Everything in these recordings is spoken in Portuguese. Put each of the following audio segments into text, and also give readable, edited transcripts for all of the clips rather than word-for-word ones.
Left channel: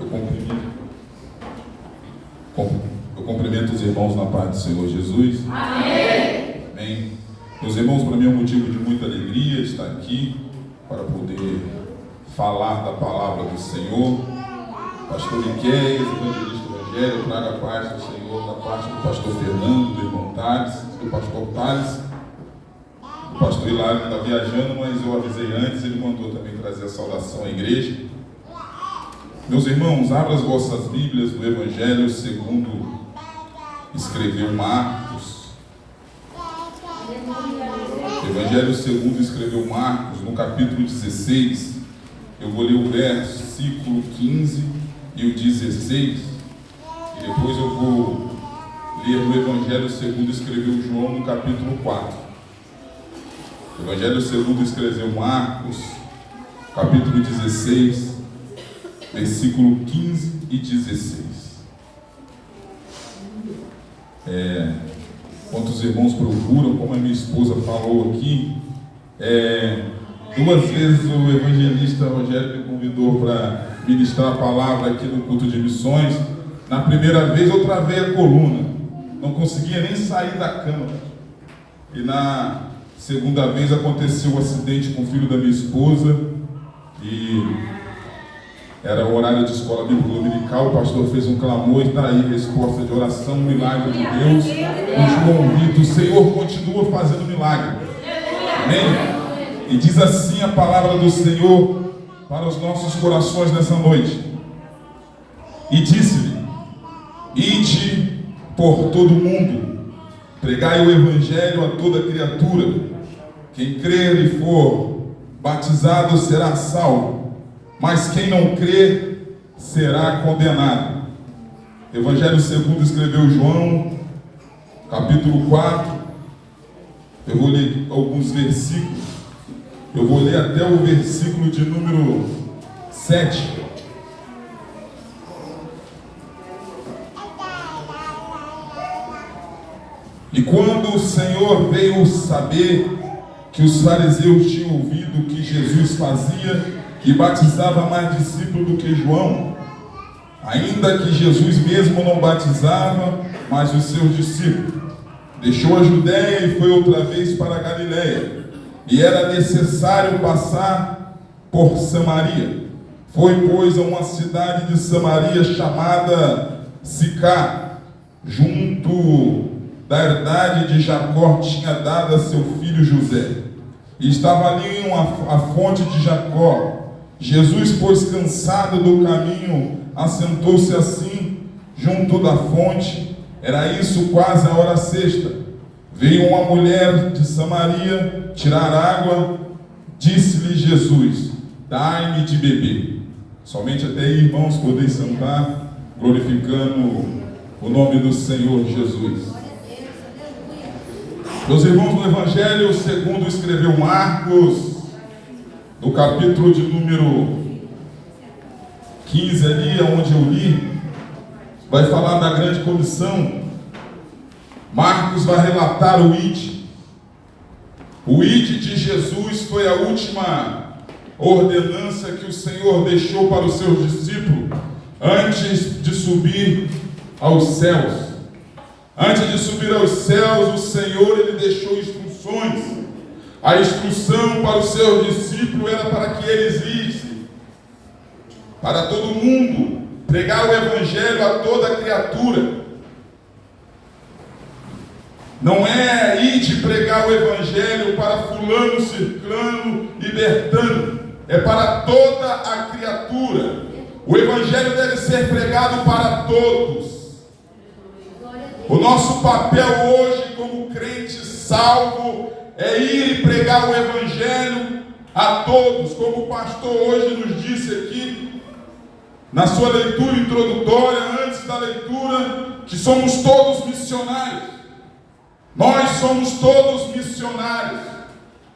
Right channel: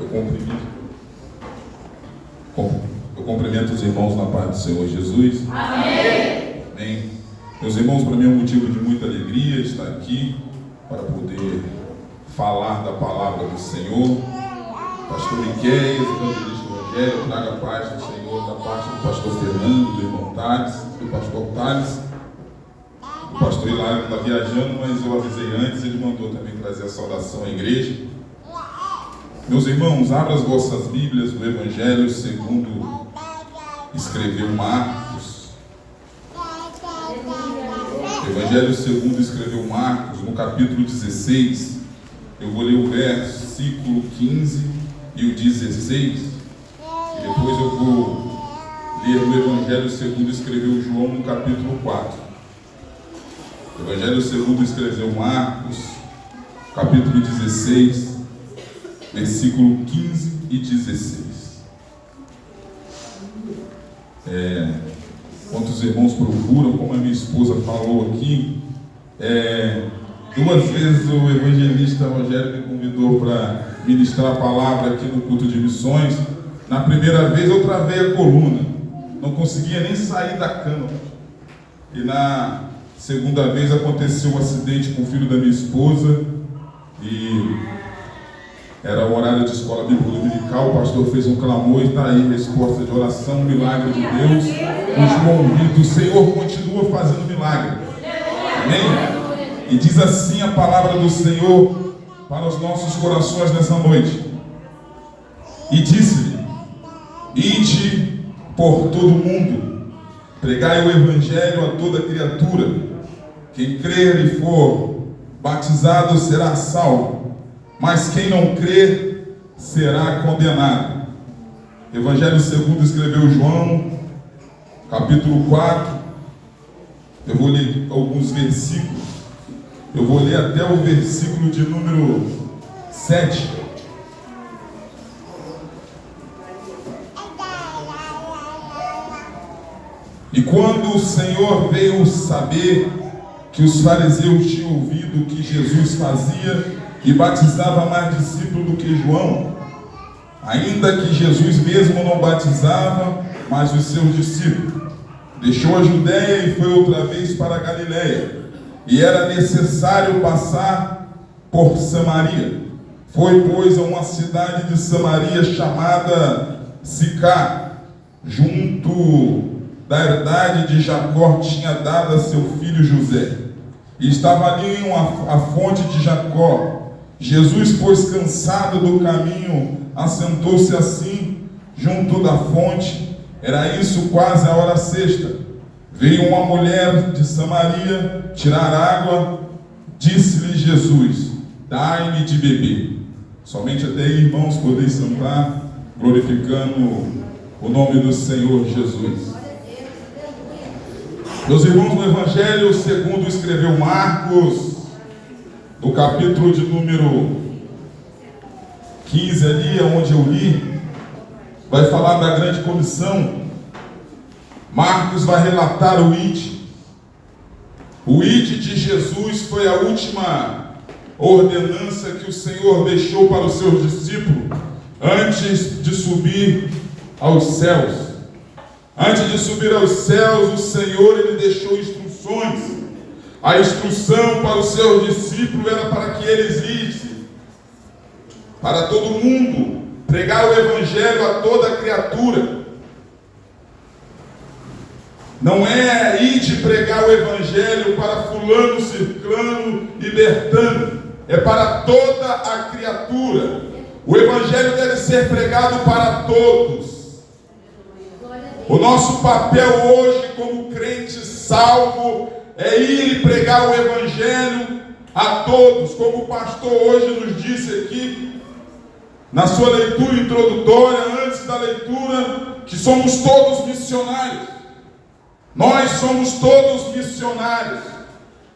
Eu cumprimento os irmãos na paz do Senhor Jesus. Amém. Amém. Meus irmãos, para mim é um motivo de muita alegria estar aqui para poder falar da palavra do Senhor. Pastor Miquel, evangelista Evangelho, traga a paz do Senhor da parte do pastor Fernando, do irmão Thales, do pastor Thales. O pastor Hilário está viajando, mas eu avisei antes, ele mandou também trazer a saudação à igreja. Meus irmãos, abram as vossas Bíblias do Evangelho segundo escreveu Marcos. Evangelho segundo escreveu Marcos, no capítulo 16. Eu vou ler o versículo 15 e o 16. E depois eu vou ler o Evangelho segundo escreveu João, no capítulo 4. Evangelho segundo escreveu Marcos, capítulo 16, versículo 15 e 16. Enquanto os irmãos procuram, como a minha esposa falou aqui, 2 vezes o evangelista Rogério me convidou para ministrar a palavra aqui no culto de missões. Na primeira vez eu travei a coluna, não conseguia nem sair da cama. E na segunda vez aconteceu um acidente com o filho da minha esposa e era o horário de escola bíblica dominical. O pastor fez um clamor e está aí a resposta de oração, um milagre de Deus. O João Vitor, o Senhor continua fazendo milagre. Amém? E diz assim a palavra do Senhor para os nossos corações nessa noite. E disse-lhe: ide por todo o mundo, pregai o evangelho a toda criatura. Quem crer e for batizado será salvo, mas quem não crer será condenado. Evangelho segundo escreveu João, capítulo 4. Eu vou ler alguns versículos. Eu vou ler até o versículo de número 7. E quando o Senhor veio saber que os fariseus tinham ouvido que Jesus fazia e batizava mais discípulos do que João, ainda que Jesus mesmo não batizava, mas os seus discípulos, deixou a Judéia e foi outra vez para a Galiléia, e era necessário passar por Samaria. Foi, pois, a uma cidade de Samaria chamada Sicar, junto da herdade de Jacó, tinha dado a seu filho José. E estava ali a fonte de Jacó. Jesus, pois, cansado do caminho, assentou-se assim, junto da fonte. Era isso quase a hora sexta. Veio uma mulher de Samaria tirar água. Disse-lhe Jesus: dai-me de beber. Somente até aí, irmãos, podeis sentar, glorificando o nome do Senhor Jesus. Meus irmãos, no Evangelho segundo escreveu Marcos, no capítulo de número 15 ali, onde eu li, vai falar da grande comissão. Marcos vai relatar o ID. O ID de Jesus foi a última ordenança que o Senhor deixou para os seus discípulos antes de subir aos céus. Antes de subir aos céus, o Senhor ele deixou instruções. A instrução para os seus discípulos era para que eles issem para todo mundo, pregar o evangelho a toda criatura. Não é ir de pregar o evangelho para fulano, ciclano e bertano. É para toda a criatura. O evangelho deve ser pregado para todos. O nosso papel hoje como crente salvo é ir e pregar o evangelho a todos, como o pastor hoje nos disse aqui na sua leitura introdutória, antes da leitura, que somos todos missionários. Nós somos todos missionários.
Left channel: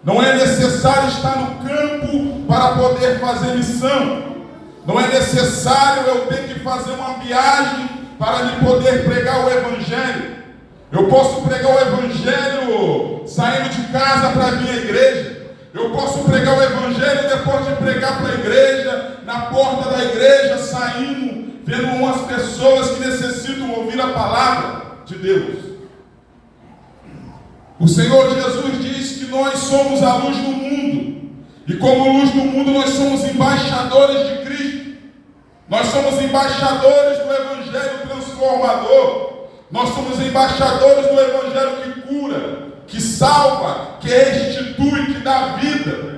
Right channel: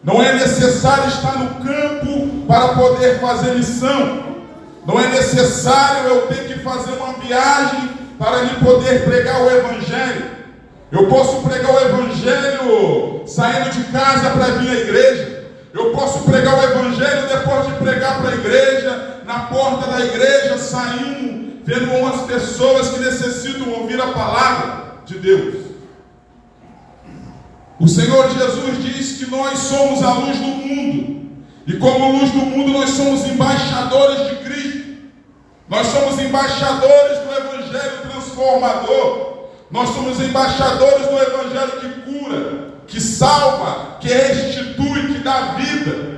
Não é necessário estar no campo para poder fazer missão. Não é necessário eu ter que fazer uma viagem para lhe poder pregar o evangelho. Eu posso pregar o evangelho saindo de casa para vir à igreja. Eu posso pregar o evangelho depois de pregar para a igreja, na porta da igreja, saindo vendo umas pessoas que necessitam ouvir a palavra de Deus. O Senhor Jesus diz que nós somos a luz do mundo, e como luz do mundo nós somos embaixadores de Cristo. Nós somos embaixadores do Evangelho transformador. Nós somos embaixadores do Evangelho que cura, que salva, que restitui, que dá vida.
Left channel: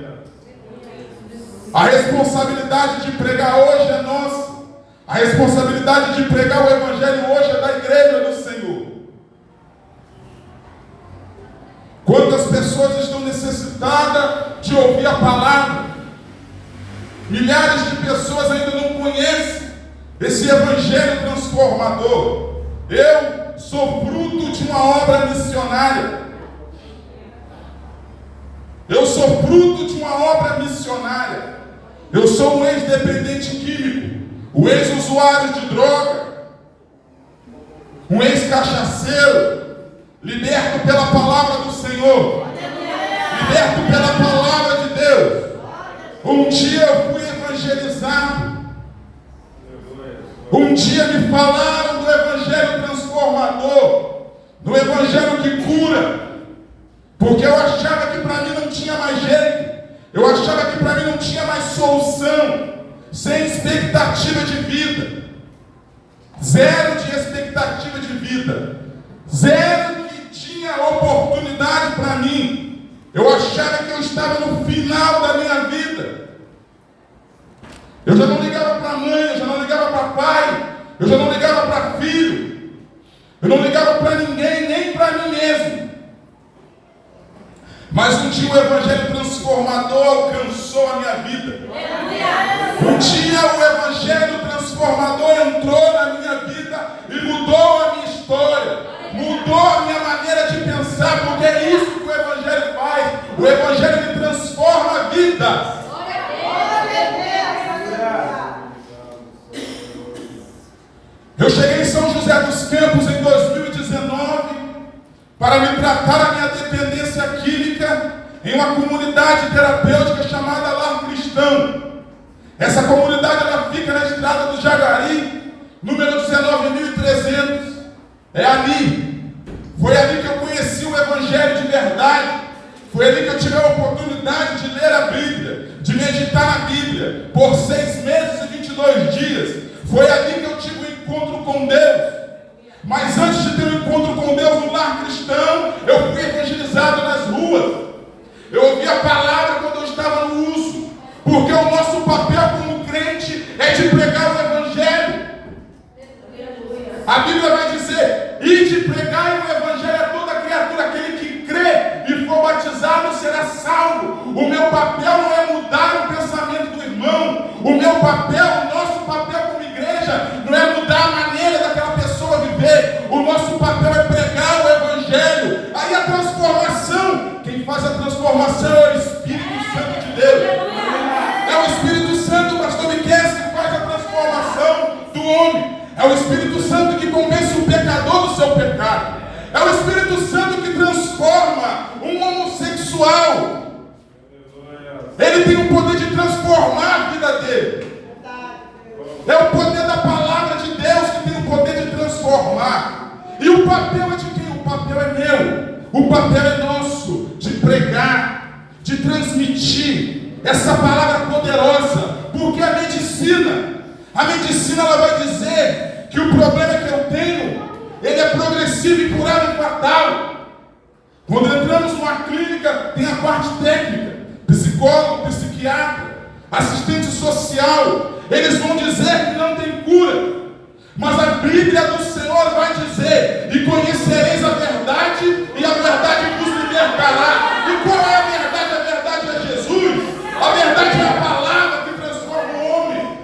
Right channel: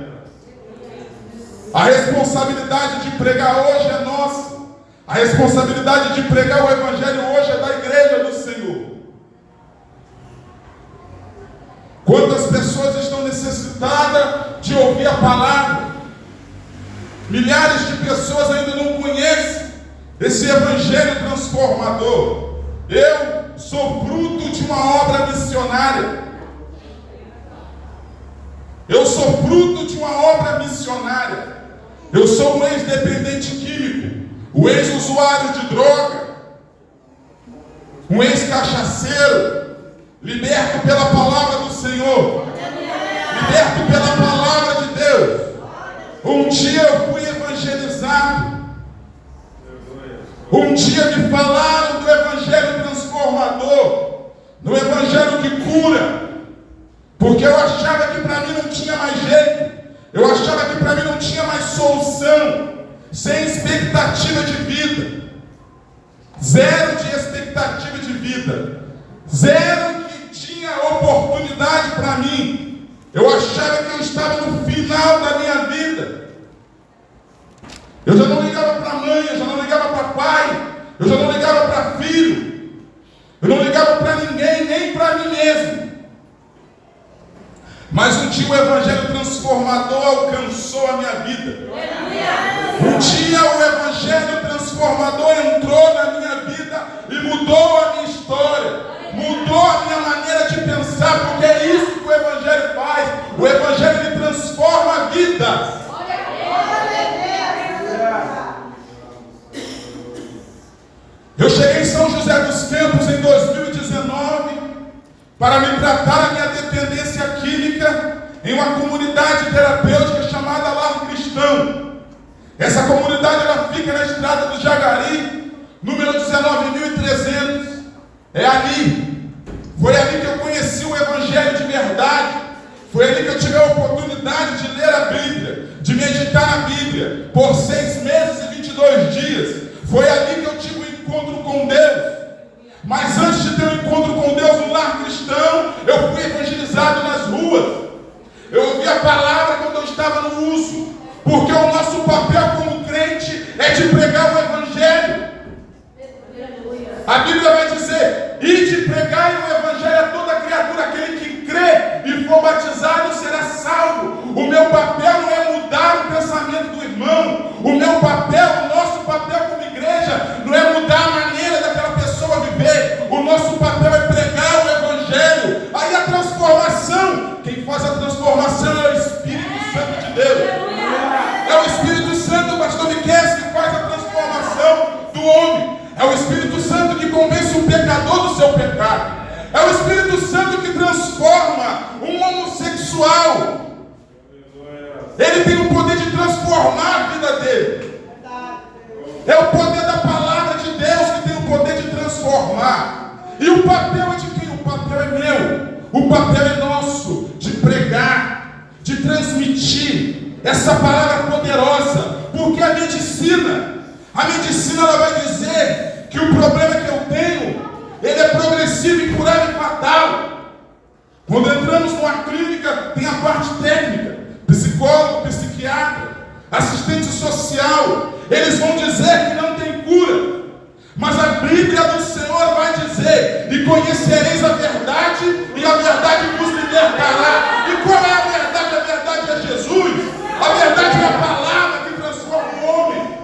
A responsabilidade de pregar hoje é nossa. A responsabilidade de pregar o Evangelho hoje é da igreja do Senhor. Quantas pessoas estão necessitadas de ouvir a palavra? Milhares de pessoas ainda não conhecem esse Evangelho transformador. Eu sou fruto de uma obra missionária. Eu sou fruto de uma obra missionária. Eu sou um ex-dependente químico, um ex-usuário de droga, um ex-cachaceiro, liberto pela palavra do Senhor, liberto pela palavra de Deus. Um dia eu fui evangelizado. Um dia me falaram do Evangelho transformador, do Evangelho que cura, porque eu achava que para mim não tinha mais jeito. Eu achava que para mim não tinha mais solução, sem expectativa de vida, zero de expectativa de vida, zero que tinha oportunidade para mim. Eu achava que eu estava no final da minha vida. Eu já não ligava para mãe, eu já não ligava para pai, eu já não ligava para filho, eu não ligava para ninguém, nem para mim mesmo. Mas um dia o Evangelho transformador alcançou a minha vida. Um dia o Evangelho transformador entrou na minha vida e mudou a minha história, mudou a minha maneira de pensar, porque é isso que o Evangelho faz. O Evangelho ele transforma a vida. Eu cheguei em São José dos Campos em 2019 para me tratar a minha dependência química em uma comunidade terapêutica chamada Lar Cristão. Essa comunidade ela fica na estrada do Jagari, número 19.300. É ali. Foi ali que eu conheci o Evangelho de verdade. Foi ali que eu tive a oportunidade de ler a Bíblia, de meditar na Bíblia por 6 meses e 22 dias. Foi ali que eu tive um encontro com Deus. Mas antes de ter um encontro com Deus no Lar Cristão, eu fui evangelizado nas ruas. Eu ouvi a palavra quando eu estava no uso, porque o nosso papel como crente é de pregar o Evangelho. A Bíblia vai dizer: ide pregar o Evangelho a toda criatura, aquele que crê e for batizado será salvo. O meu papel não é mudar o pensamento do irmão. O meu papel, o nosso papel como igreja, não é mudar a maneira daquela pessoa viver. O nosso papel é pregar o Evangelho. Aí a transformação, quem faz a transformação é o Espírito Santo de Deus. É o Espírito Santo, pastor Miquel, que faz a transformação do homem. É o Espírito Santo que convence o pecador do seu pecado. É o Espírito Santo que transforma um homossexual. Ele tem o poder de transformar a vida dele. É o poder da palavra de Deus que tem o poder de transformar. E o papel é de quem? O papel é meu. O papel é nosso, de pregar, de transmitir essa palavra poderosa. Porque a medicina ela vai dizer que o problema que eu tenho, ele é progressivo, incurável e fatal. Quando entramos numa clínica, tem a parte técnica, psicólogo, psiquiatra, assistente social. Eles vão dizer que não tem cura. Mas a Bíblia do Senhor vai dizer: e conhecereis a verdade, e a verdade vos libertará. E qual é a verdade? A verdade é Jesus. A verdade é a palavra que transforma o homem.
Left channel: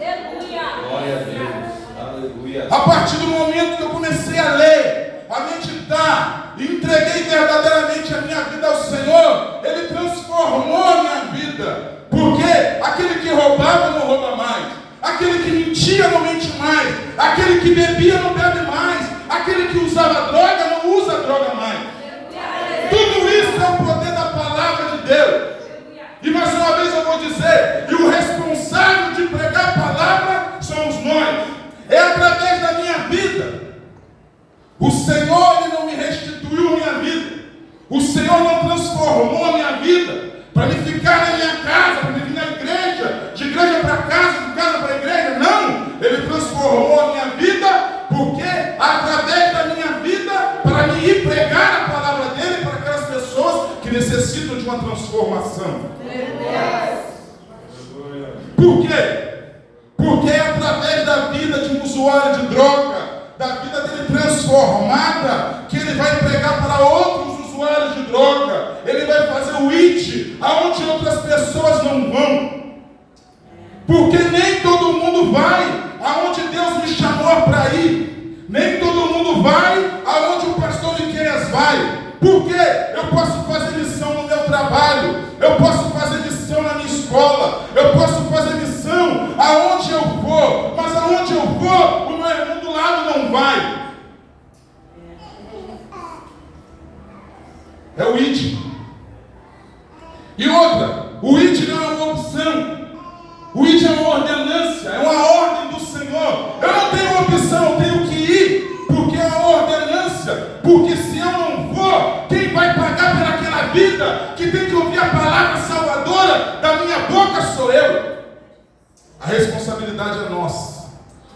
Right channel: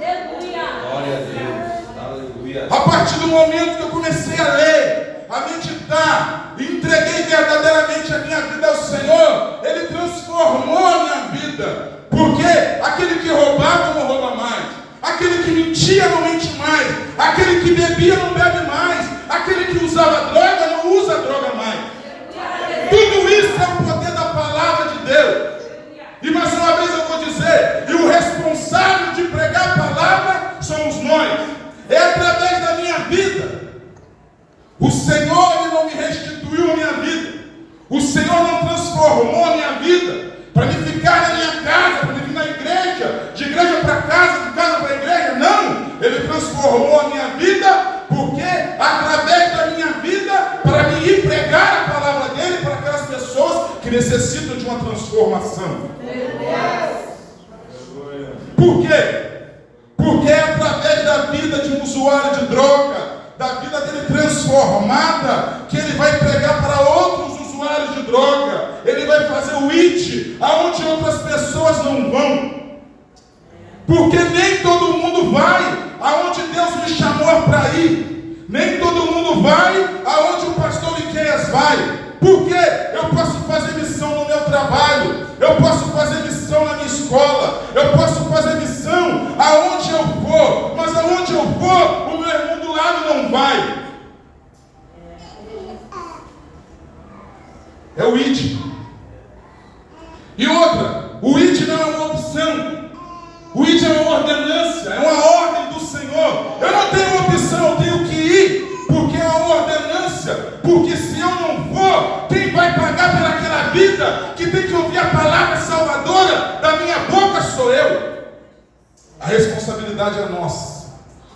Glória a Deus. Aleluia. A partir do momento que eu comecei a ler, a meditar, e entreguei verdadeiramente a minha vida ao Senhor, Ele transformou a minha vida. Porque aquele que roubava não rouba mais. Aquele que mentia não mente mais. Aquele que bebia não bebe mais. Aquele que usava droga não usa droga mais. Tudo isso é o poder da palavra de Deus. E mais uma vez eu vou dizer: e o responsável de pregar a palavra somos nós. É a através da minha vida. O Senhor, Ele não me restituiu a minha vida. O Senhor não transformou a minha vida para me ficar na minha casa, para me vir na igreja, de igreja para casa, de casa para igreja. Não! Ele transformou a minha vida, porque através da minha vida, para me ir pregar a palavra dele para aquelas pessoas que necessitam de uma transformação. Por quê? Porque é através da vida de um usuário de droga, da vida dele transformada, que ele vai pregar para outros usuários de droga. Ele vai fazer o IT aonde outras pessoas não vão. Porque nem todo mundo vai aonde Deus me chamou para ir. Nem todo mundo vai aonde o pastor Miqueias vai. Porque eu posso fazer missão no meu trabalho, eu posso fazer missão na minha escola, eu posso fazer missão aonde eu for, mas aonde eu for, o meu irmão do lado não vai. É o IT. E outra, o IT não é uma opção, o IT é uma ordenância, é uma ordem do Senhor. Eu não tenho opção, eu tenho que ir, porque é uma ordenância. Porque se eu não for, quem vai pagar por aquela vida que tem que ouvir a palavra salvadora da minha boca sou eu. A responsabilidade é nossa.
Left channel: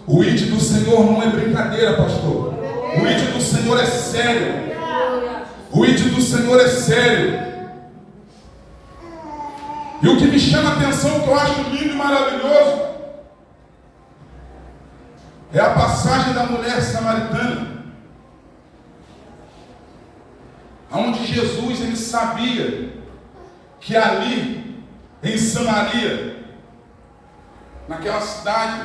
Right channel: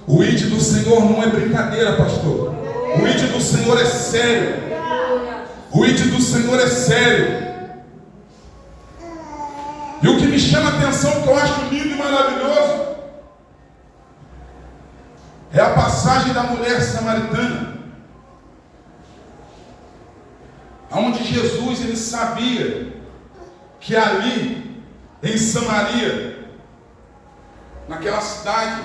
O ID do Senhor não é brincadeira, pastor. O ID do Senhor é sério. O ID do Senhor é sério. E o que me chama a atenção, que eu acho lindo e maravilhoso, é a passagem da mulher samaritana, onde Jesus, ele sabia que ali em Samaria, naquela cidade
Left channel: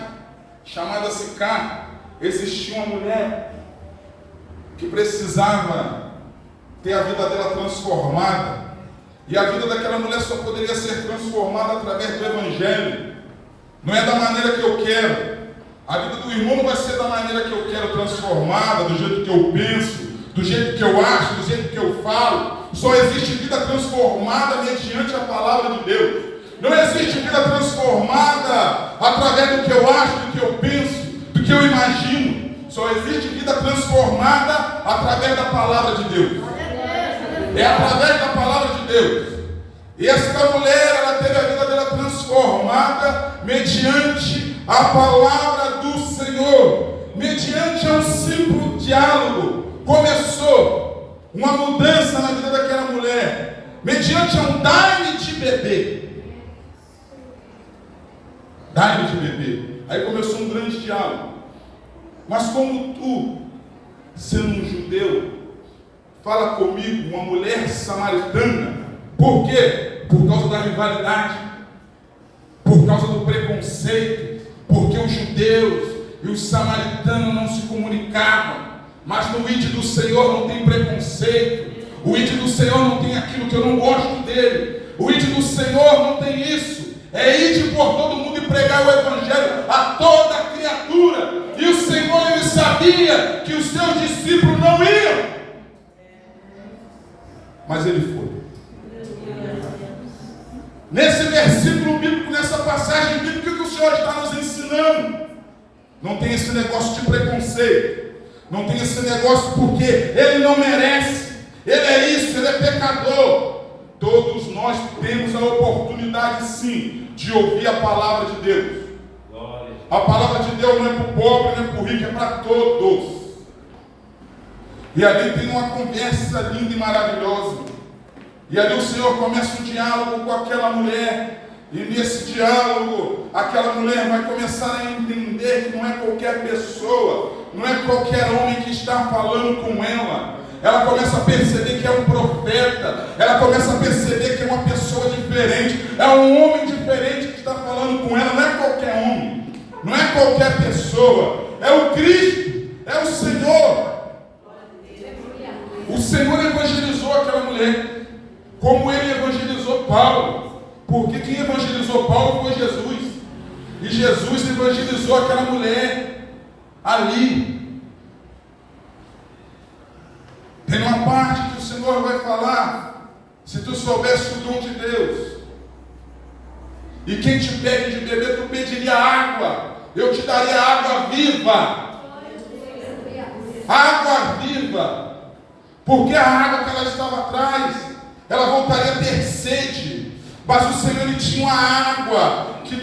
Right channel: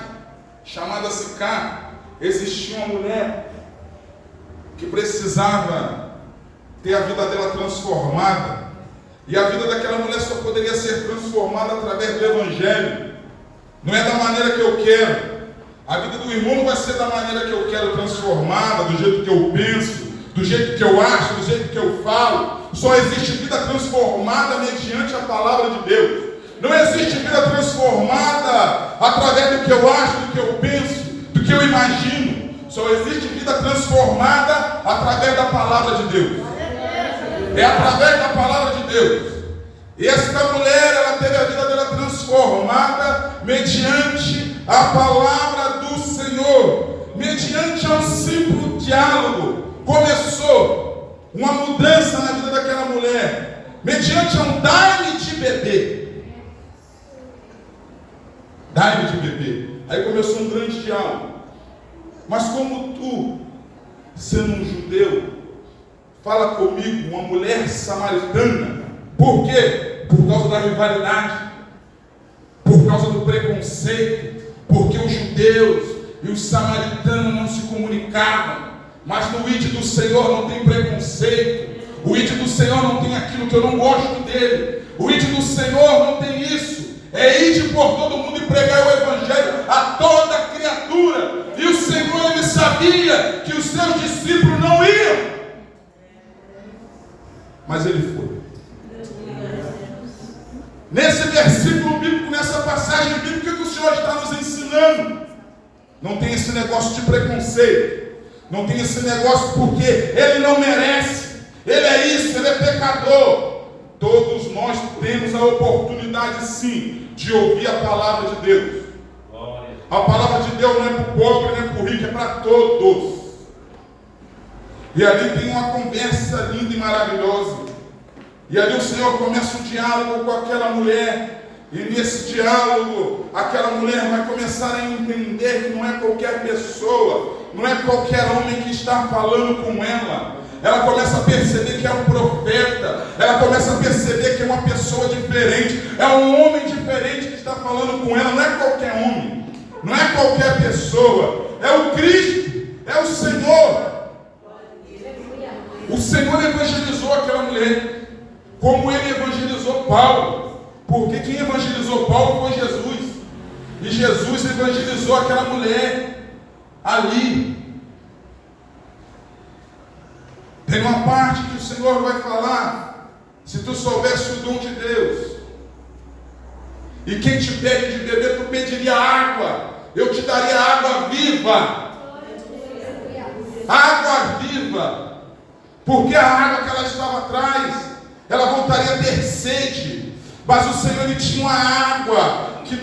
chamada Sicar, existia uma mulher que precisava ter a vida dela transformada. E a vida daquela mulher só poderia ser transformada através do Evangelho. Não é da maneira que eu quero. A vida do irmão não vai ser da maneira que eu quero transformada, do jeito que eu penso, do jeito que eu acho, do jeito que eu falo. Só existe vida transformada mediante a palavra de Deus. Não existe vida transformada através do que eu acho, do que eu penso, do que eu imagino. Só existe vida transformada através da palavra de Deus. É através da palavra de Deus. E esta mulher, ela teve a vida dela transformada mediante a palavra do Senhor, mediante um simples diálogo. Começou uma mudança na vida daquela mulher, mediante um dai-me de beber. Dai-me de beber. Aí começou um grande diálogo. Mas como tu, sendo um judeu, fala comigo, uma mulher samaritana. Por quê? Por causa da rivalidade, por causa do preconceito, porque os judeus e os samaritanos não se comunicavam. Mas no ID do Senhor não tem preconceito. O ID do Senhor não tem aquilo que eu não gosto dele. O ID do Senhor não tem isso. É ir por todo mundo e pregar o Evangelho a toda criatura. E o Senhor, ele sabia que os seus discípulos não iam, mas ele foi. Nesse versículo bíblico, nessa passagem bíblica que o Senhor está nos ensinando, não tem esse negócio de preconceito, não tem esse negócio porque ele não merece, ele é isso, ele é pecador. Todos nós temos a oportunidade sim de ouvir a palavra de Deus. A palavra de Deus não é para o pobre, não é para o rico, é para todos. E ali tem uma conversa linda e maravilhosa. E ali o Senhor começa um diálogo com aquela mulher. E nesse diálogo, aquela mulher vai começar a entender que não é qualquer pessoa, não é qualquer homem que está falando com ela. Ela começa a perceber que é um profeta. Ela começa a perceber que é uma pessoa diferente. É um homem diferente que está falando com ela. Não é qualquer homem, não é qualquer pessoa. É o Cristo, é o Senhor. O Senhor evangelizou aquela mulher, como ele evangelizou Paulo. Porque quem evangelizou Paulo foi Jesus. E Jesus evangelizou aquela mulher ali. Tem uma parte que o Senhor vai falar: se tu soubesse o dom de Deus, e quem te pede de beber, tu pediria água eu te daria água viva. Água viva. Porque a água que ela estava atrás, ela voltaria a ter sede. Mas o Senhor, Ele tinha uma água que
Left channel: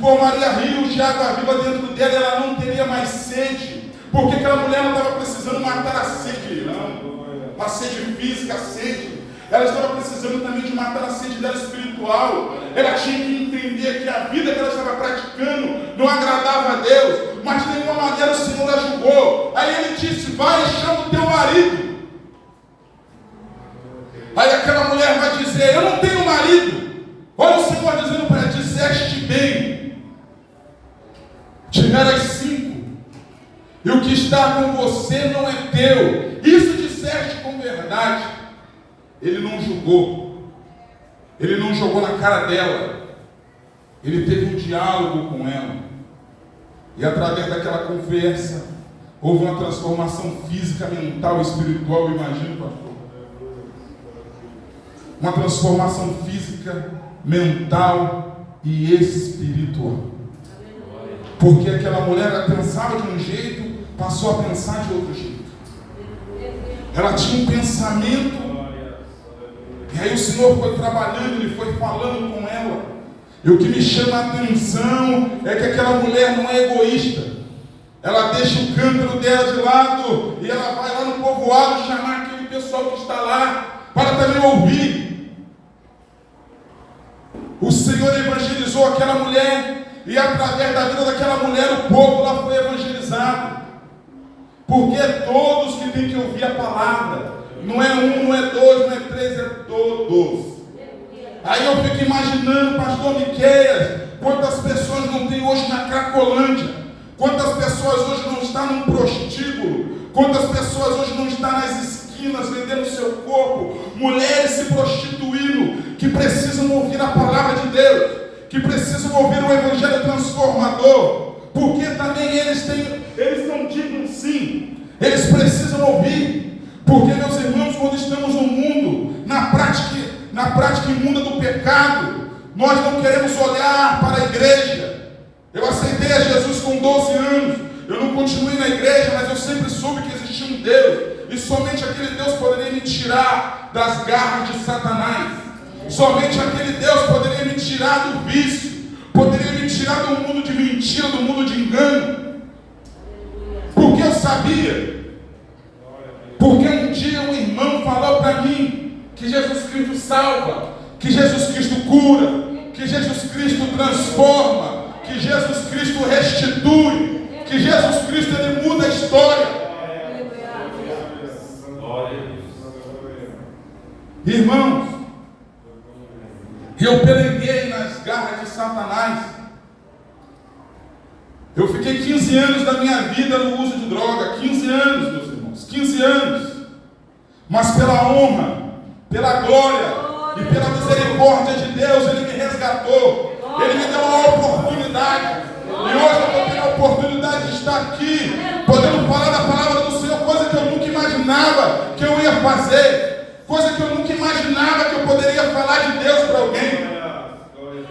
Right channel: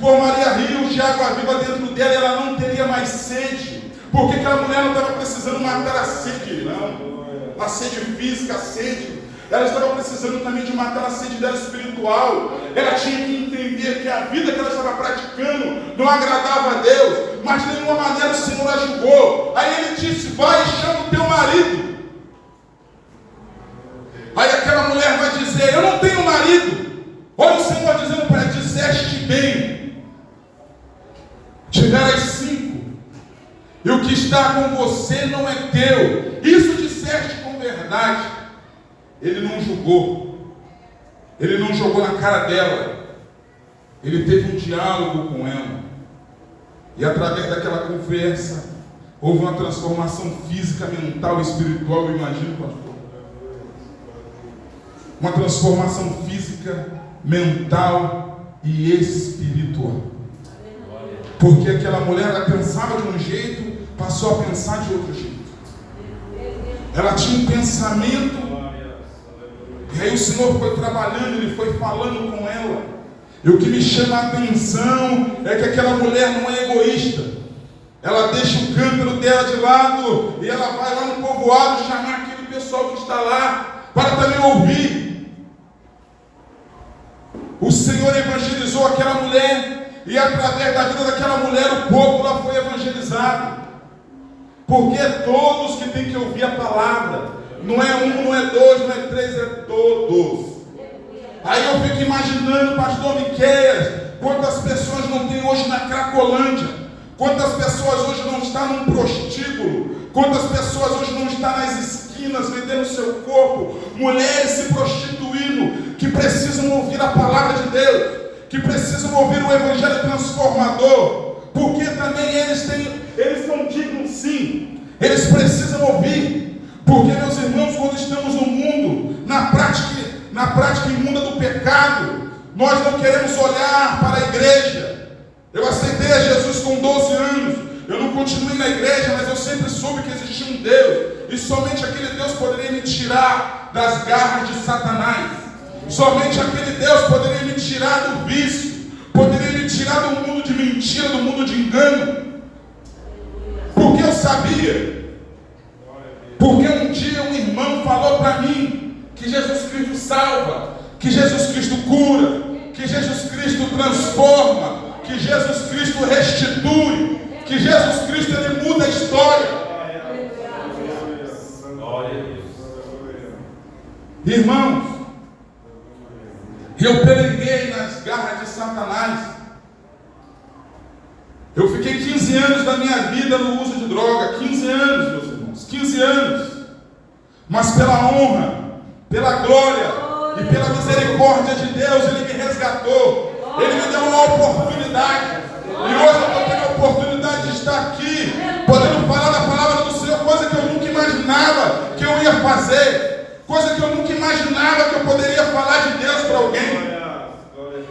formaria rios de água viva dentro dela, e ela não teria mais sede. Porque aquela mulher não estava precisando matar a sede, não. A sede física, a sede. Ela estava precisando também de matar a sede dela espiritual. Ela tinha que entender que a vida que ela estava praticando não agradava a Deus, mas de nenhuma maneira o Senhor a julgou. Aí Ele disse: vai e chama o teu marido. Aí aquela mulher vai dizer: eu não tenho marido. Olha o Senhor dizendo para ela: disseste bem, tiveras 5, e o que está com você não é teu. Isso disseste com verdade. Ele não julgou, ele não jogou na cara dela, ele teve um diálogo com ela, e através daquela conversa houve uma transformação física, mental e espiritual. Eu imagino, pastor, uma transformação física, mental e espiritual, porque aquela mulher, ela pensava de um jeito, passou a pensar de outro jeito. Ela tinha um pensamento. E aí o Senhor foi trabalhando, Ele foi falando com ela. E o que me chama a atenção é que aquela mulher não é egoísta. Ela deixa o cântaro dela de lado e ela vai lá no povoado chamar aquele pessoal que está lá para também ouvir. O Senhor evangelizou aquela mulher, e através da vida daquela mulher o povo lá foi evangelizado. Porque é todos que têm que ouvir a palavra. Não é um, não é dois, não é três, é todos. Aí eu fico imaginando, pastor Miqueias, quantas pessoas não tem hoje na Cracolândia, quantas pessoas hoje não estão num prostíbulo, quantas pessoas hoje não estão nas esquinas vendendo seu corpo, mulheres se prostituindo, que precisam ouvir a palavra de Deus, que precisam ouvir o evangelho transformador, porque também eles não digam sim, eles precisam ouvir. Porque, meus irmãos, quando estamos no mundo, na prática imunda do pecado, nós não queremos olhar para a igreja. Eu aceitei a Jesus com 12 anos, eu não continuei na igreja, mas eu sempre soube que existia um Deus, e somente aquele Deus poderia me tirar das garras de Satanás. Somente aquele Deus poderia me tirar do vício, poderia me tirar do mundo de mentira, do mundo de engano. Porque eu sabia. Porque um dia um irmão falou para mim que Jesus Cristo salva, que Jesus Cristo cura, que Jesus Cristo transforma, que Jesus Cristo restitui, que Jesus Cristo, Ele muda a história. Irmãos, eu pereguei nas garras de Satanás. Eu fiquei 15 anos da minha vida no uso de droga, 15 anos, meus irmãos, 15 anos, mas pela honra, pela glória e pela misericórdia de Deus, Ele me resgatou, Ele me deu uma oportunidade, e hoje eu tenho a oportunidade de estar aqui, podendo falar da palavra do Senhor, coisa que eu nunca imaginava que eu ia fazer, coisa que eu nunca imaginava que eu poderia falar de Deus para alguém.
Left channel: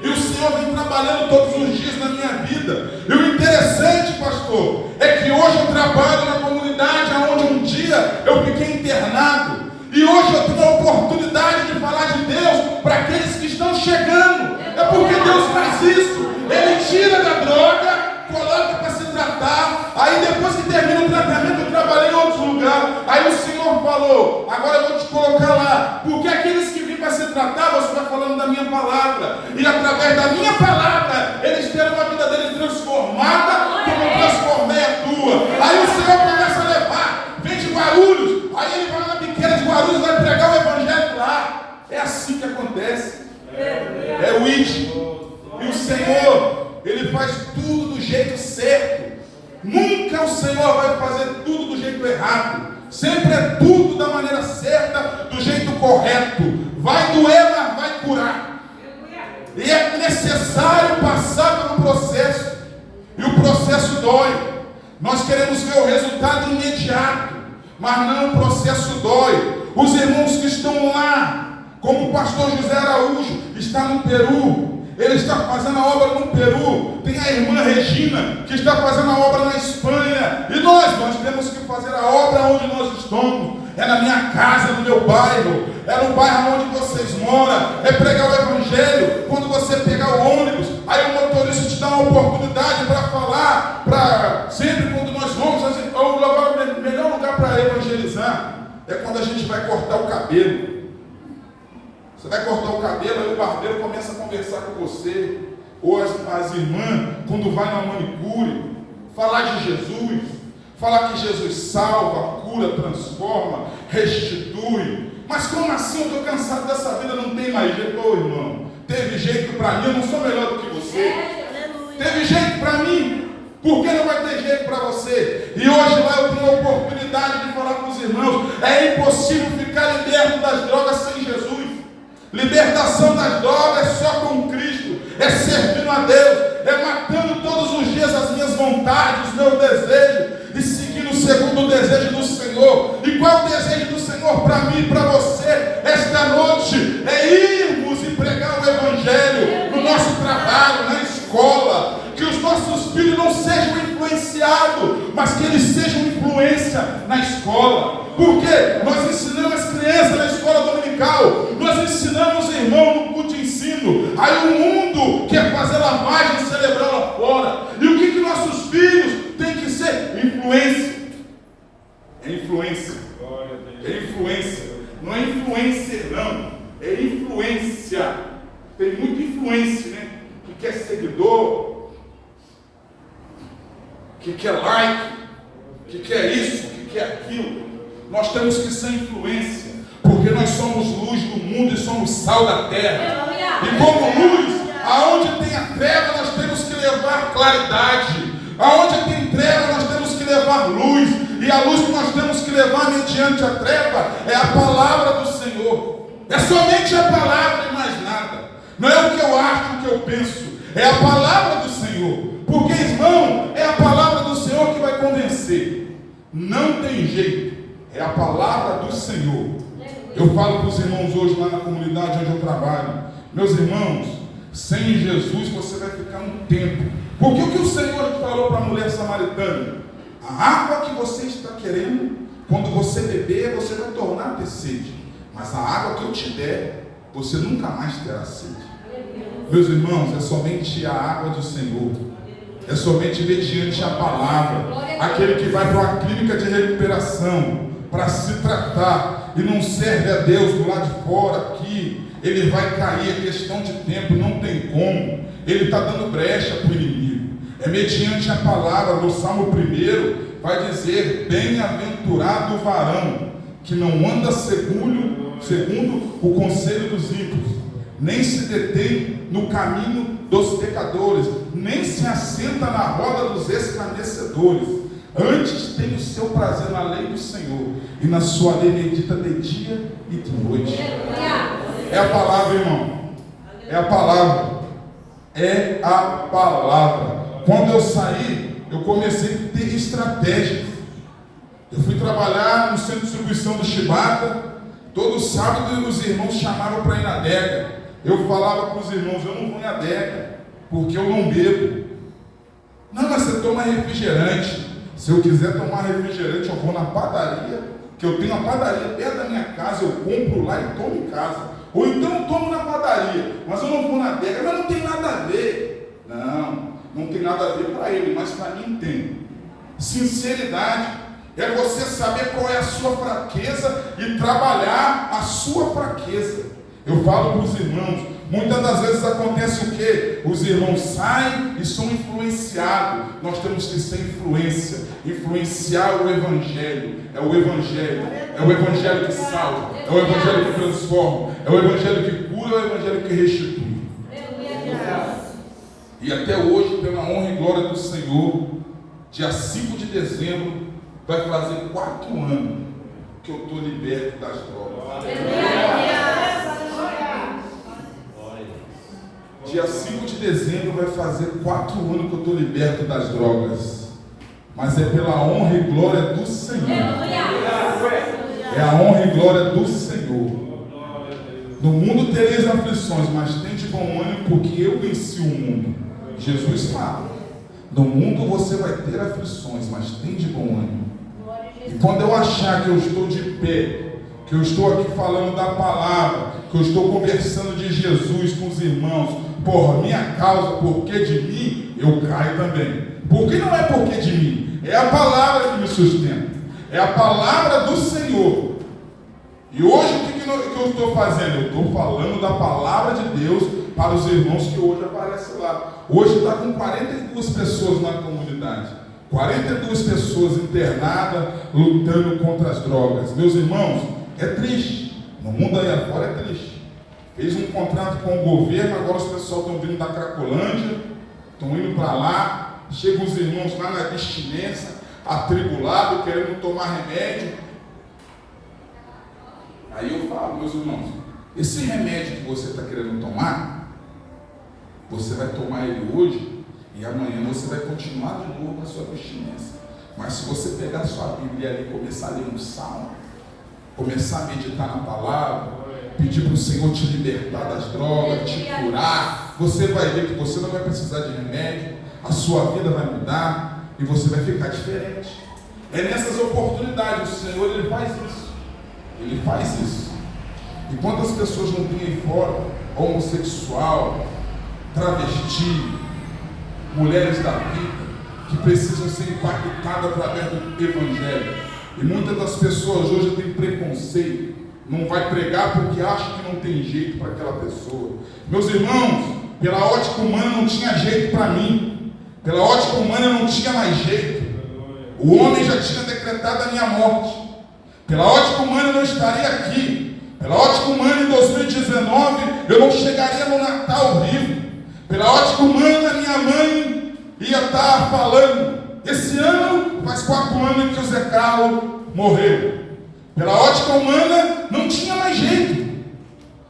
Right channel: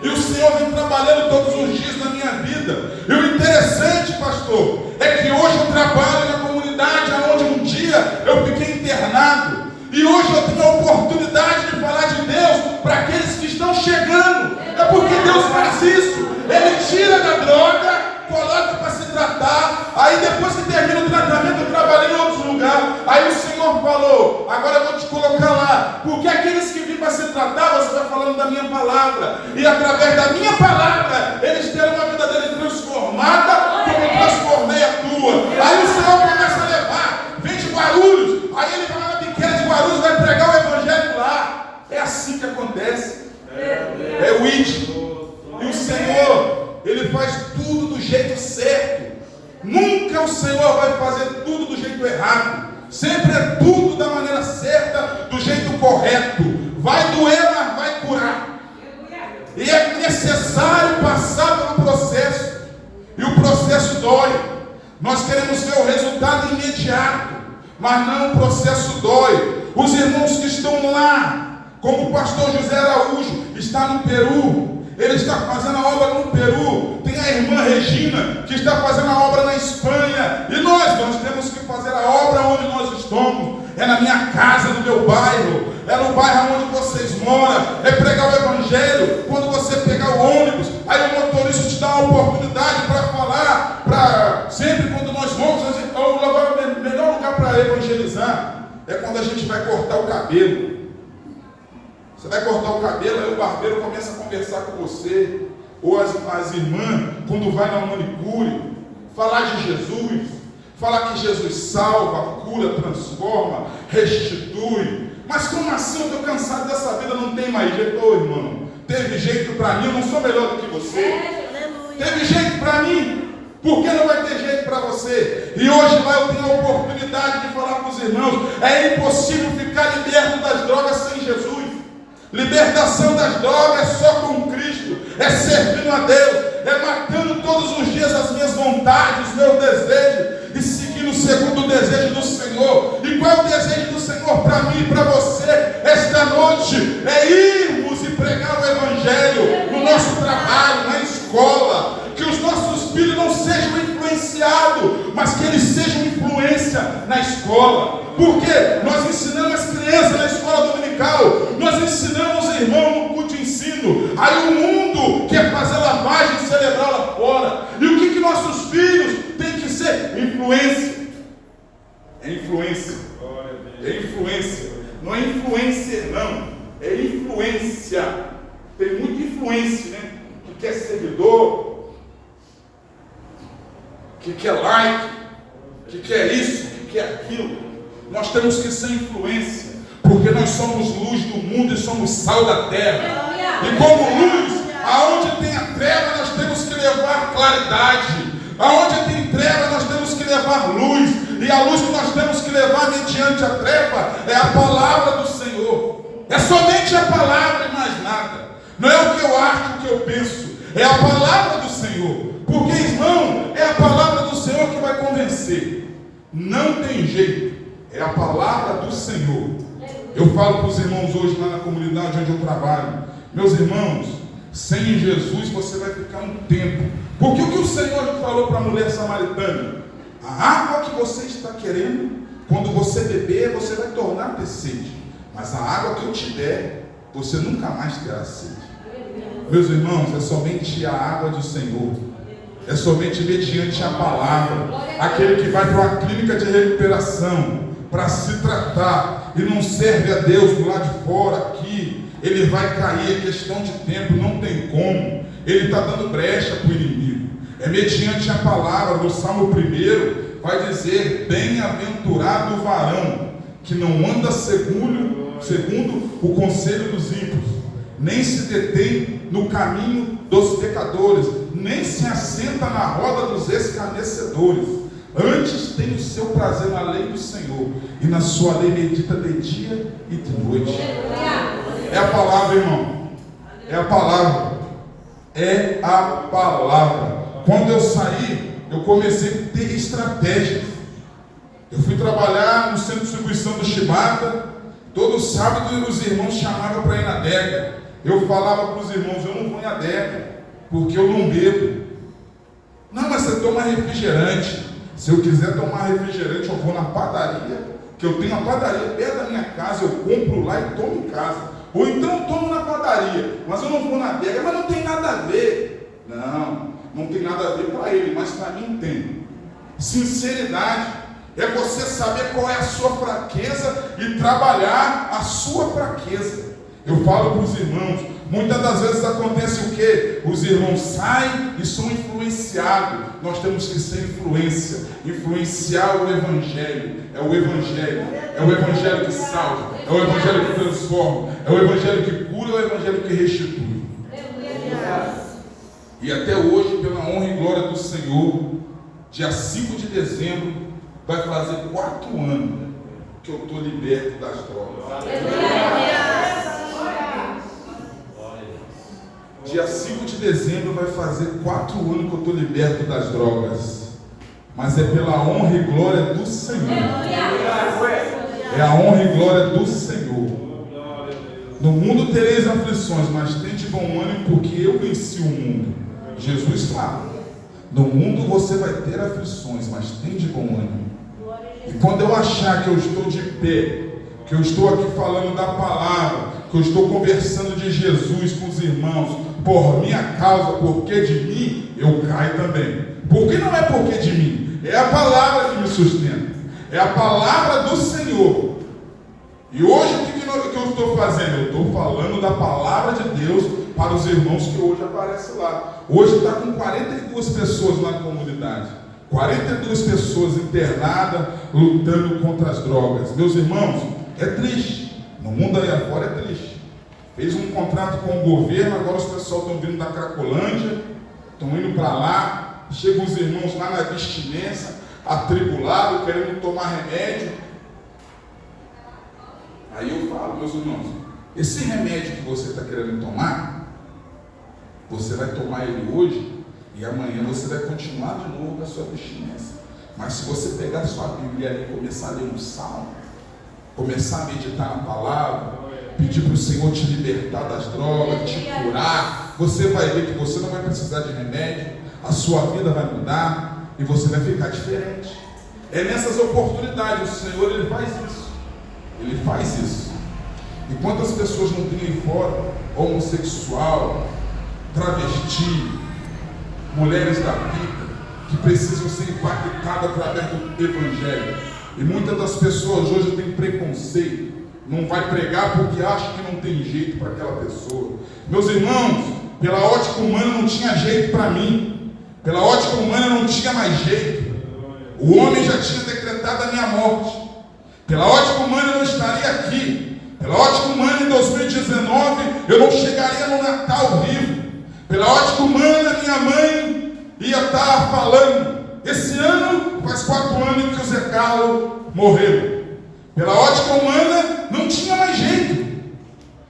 E o Senhor vem trabalhando todos os dias na minha vida. E o interessante, pastor, é que hoje eu trabalho na comunidade onde um dia eu fiquei internado. E hoje eu tenho a oportunidade de falar de Deus para aqueles que estão chegando. É porque Deus faz isso. Ele tira da droga, coloca para se tratar. Aí depois que termina o tratamento, eu trabalhei em outro lugar. Aí o Senhor falou: agora eu vou te colocar lá, porque aqueles que vêm para se tratar, você vai falando da minha palavra, e através da minha palavra eles terão uma vida deles transformada, como eu transformei a tua. Aí o Senhor começa a levar, vem de Guarulhos, aí ele vai lá na biqueira de Guarulhos, vai pregar o evangelho lá. É assim que acontece. É o ID. E o Senhor, Ele faz tudo do jeito certo. Nunca o Senhor vai fazer tudo do jeito errado. Sempre é tudo da maneira certa, do jeito correto. Vai doer, mas vai curar. E é necessário passar pelo processo. E o processo dói. Nós queremos ver o resultado imediato, mas não, o processo dói. Os irmãos que estão lá, como o pastor José Araújo, está no Peru. Ele está fazendo a obra no Peru. Tem a irmã Regina, que está fazendo a obra na Espanha. E nós temos que fazer a obra onde nós estamos. É na minha casa, no meu bairro. É no bairro onde vocês moram. É pregar o Evangelho. Quando você pegar o ônibus, aí o motorista te dá uma oportunidade para falar. Sempre quando nós vamos, o melhor lugar para evangelizar é quando a gente vai cortar o cabelo. Você vai cortar o cabelo, aí o barbeiro começa a conversar com você. Ou as irmãs, quando vai na manicure, falar de Jesus, falar que Jesus salva, cura, transforma, restitui. Mas como assim? Eu estou cansado dessa vida, não tem mais jeito. Ô irmão, teve jeito para mim, eu não sou melhor do que você. Teve jeito para mim, por que não vai ter jeito para você? E hoje lá eu tenho a oportunidade de falar com os irmãos. É impossível ficar liberto das drogas sem Jesus. Libertação das drogas é só com Cristo, é servindo a Deus, é matando todos os dias as minhas vontades, os meus desejos e seguindo segundo o desejo do Senhor. E qual é o desejo do Senhor para mim e para você esta noite? É irmos e pregar o Evangelho no nosso trabalho, na escola, que os nossos filhos não sejam influenciados, mas que eles sejam influência na escola. Porque nós ensinamos as crianças na escola dominical, nós ensinamos os irmãos no culto de ensino. Aí o mundo quer fazer lavagem cerebral lá fora. E o que nossos filhos têm que ser? Influência. É influência. É influência. Não é influencer, não. É influência. Tem muita influência, né? Que quer seguidor, que quer like, que quer isso, que quer aquilo. Nós temos que ser influência, porque nós somos luz do mundo e somos sal da terra. E como luz, aonde tem a treva, nós temos que levar claridade. Aonde tem treva, nós temos que levar luz. E a luz que nós temos que levar mediante a treva é a palavra do Senhor. É somente a palavra e mais nada. Não é o que eu acho, o que eu penso. É a palavra do Senhor. Porque, irmão, é a palavra do Senhor que vai convencer. Não tem jeito. É a palavra do Senhor. Eu falo para os irmãos hoje lá na comunidade onde eu trabalho. Meus irmãos, sem Jesus você vai ficar um tempo. Porque o que o Senhor falou para a mulher samaritana? A água que você está querendo, quando você beber, você vai tornar a ter sede. Mas a água que eu te der, você nunca mais terá sede. Meus irmãos, é somente a água do Senhor. É somente mediante a palavra. Aquele que vai para uma clínica de recuperação para se tratar e não serve a Deus do lado de fora aqui, ele vai cair, é questão de tempo, não tem como. Ele está dando brecha para o inimigo. É mediante a palavra. No Salmo 1 vai dizer: bem-aventurado o varão que não anda segundo o conselho dos ímpios, nem se detém no caminho dos pecadores, nem se assenta na roda dos escarnecedores. Antes tem o seu prazer na lei do Senhor, e na sua lei medita de dia e de noite. É a palavra, irmão. É a palavra. É a palavra. Quando eu saí, eu comecei a ter estratégias. Eu fui trabalhar no centro de distribuição do Chibata. Todo sábado os irmãos chamavam para ir na adega. Eu falava para os irmãos: eu não vou em adega, porque eu não bebo. Não, mas você toma refrigerante. Se eu quiser tomar refrigerante, eu vou na padaria, que eu tenho a padaria perto da minha casa, eu compro lá e tomo em casa. Ou então eu tomo na padaria, mas eu não vou na adega. Mas não tem nada a ver. Não tem nada a ver para ele, mas para mim tem. Sinceridade é você saber qual é a sua fraqueza e trabalhar a sua fraqueza. Eu falo para os irmãos, muitas das vezes acontece o quê? Os irmãos saem e são influenciados. Nós temos que ser influência, influenciar o Evangelho. É o Evangelho. É o Evangelho que salva, é o Evangelho que transforma, é o Evangelho que cura, é o Evangelho que restitui. E até hoje, pela honra e glória do Senhor, dia 5 de dezembro, vai fazer 4 anos que eu estou liberto das drogas. Dia 5 de dezembro vai fazer 4 anos que eu estou liberto das drogas. Mas é pela honra e glória do Senhor. É a honra e glória do Senhor. No mundo tereis aflições, mas tende bom ânimo, porque eu venci o mundo. Jesus fala: no mundo você vai ter aflições, mas tende bom ânimo. E quando eu achar que eu estou de pé, que eu estou aqui falando da palavra, que eu estou conversando de Jesus com os irmãos, por minha causa, porque de mim, eu caio também. Porque não é porque de mim, é a palavra que me sustenta, é a palavra do Senhor. E hoje o que eu estou fazendo? Eu estou falando da palavra de Deus para os irmãos que hoje aparecem lá. Hoje está com 42 pessoas na comunidade, 42 pessoas internadas, lutando contra as drogas. Meus irmãos, é triste, no mundo aí afora é triste. Fez um contrato com o governo, agora os pessoal estão vindo da Cracolândia, estão indo para lá. Chegam os irmãos lá na abstinência, atribulados, querendo tomar remédio. Aí eu falo, meus irmãos, esse remédio que você está querendo tomar, você vai tomar ele hoje e amanhã você vai continuar de novo na sua abstinência. Mas se você pegar a sua Bíblia e começar a ler um salmo, começar a meditar na palavra, pedir para o Senhor te libertar das drogas, te curar, você vai ver que você não vai precisar de remédio, a sua vida vai mudar e você vai ficar diferente. É nessas oportunidades, o Senhor ele faz isso. Ele faz isso. E quantas pessoas não tem aí fora, homossexual, travesti, mulheres da vida, que precisam ser impactadas através do Evangelho. E muitas das pessoas hoje têm preconceito, não vai pregar porque acha que não tem jeito para aquela pessoa. Meus irmãos, pela ótica humana não tinha jeito para mim. Pela ótica humana não tinha mais jeito. O homem já tinha decretado a minha morte. Pela ótica humana eu não estaria aqui. Pela ótica humana em 2019 eu não chegaria no Natal vivo. Pela ótica humana minha mãe ia estar falando: esse ano faz 4 anos que o Zé Carlos morreu. Pela ótica humana não tinha mais jeito.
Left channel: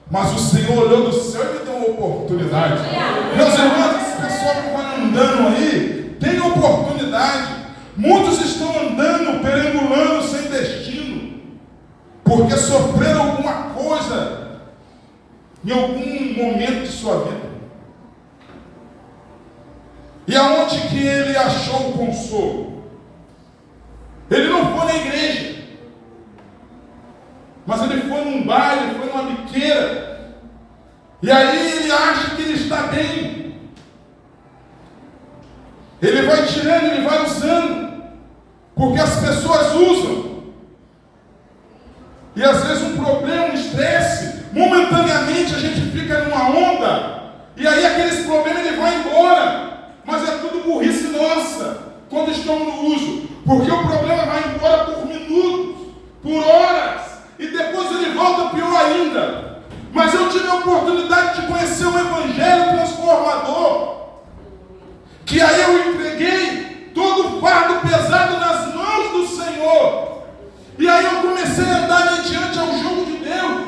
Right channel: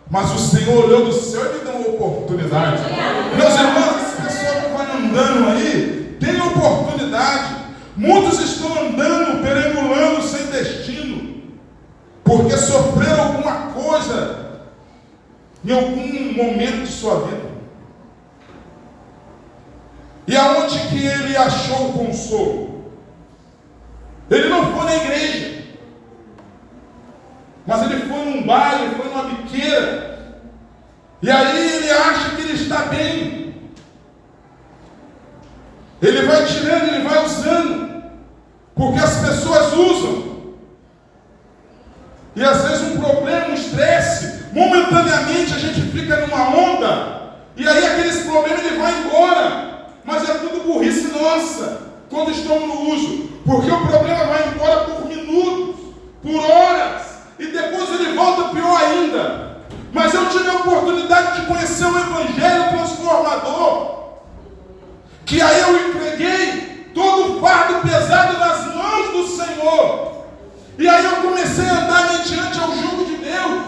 Mas o Senhor olhou do céu e me deu uma oportunidade. Meus irmãos, esse pessoal que vai andando aí, tem oportunidade. Muitos estão andando, perambulando sem destino, porque sofreram alguma coisa em algum momento de sua vida. E aonde que ele achou o consolo? Ele não foi na igreja, mas ele foi num bar, ele foi numa biqueira, e aí ele acha que ele está bem. Ele vai tirando, ele vai usando, porque as pessoas usam. E às vezes um problema, um estresse, momentaneamente a gente fica numa onda, e aí aqueles problemas ele vai embora, mas é tudo burrice nossa, quando estamos no uso, porque o problema vai embora por minutos, por horas, e depois ele volta pior ainda. Mas eu tive a oportunidade de conhecer o Evangelho transformador, que aí eu entreguei todo o fardo pesado nas mãos do Senhor, e aí eu comecei a andar mediante ao jugo de Deus,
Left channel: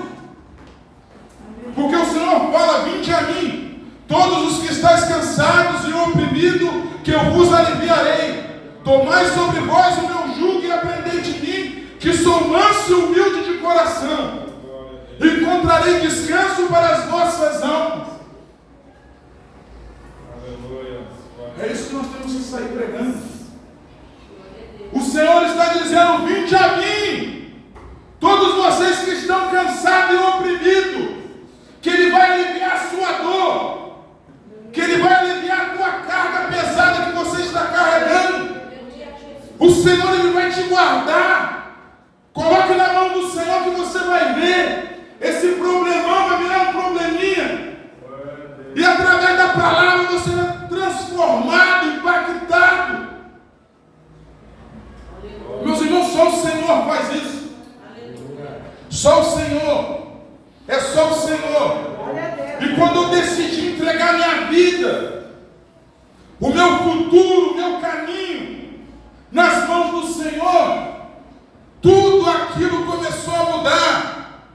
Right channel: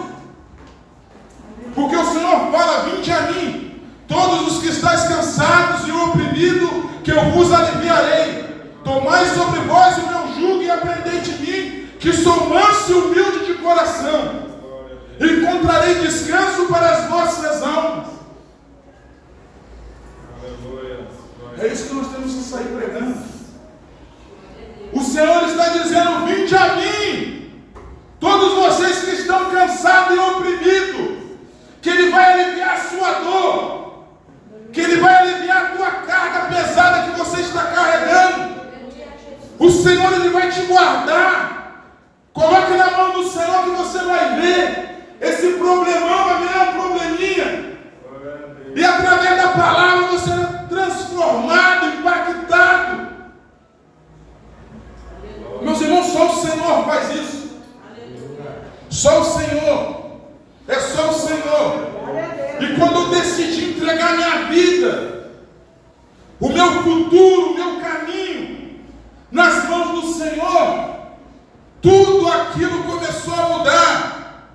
porque o Senhor fala: vinde a mim, todos os que estáis cansados e oprimidos, que eu vos aliviarei. Tomai sobre vós o meu jugo e aprendei de mim, que sou manso e humilde de coração, encontrarei descanso para as vossas almas. É isso que nós temos que sair pregando. O Senhor está dizendo: vinde a mim, todos vocês que estão cansados e oprimidos, que Ele vai aliviar a sua dor, que Ele vai aliviar a tua carga pesada que você está carregando. O Senhor Ele vai te guardar. Coloque na mão do Senhor que você vai ver. Esse problemão vai virar um probleminha. E através da palavra você é transformado, impactado. Meus irmãos, só o Senhor faz isso. Só o Senhor. É só o Senhor. E quando eu decidi entregar minha vida, o meu futuro, o meu caminho nas mãos do Senhor, tudo aquilo começou a mudar.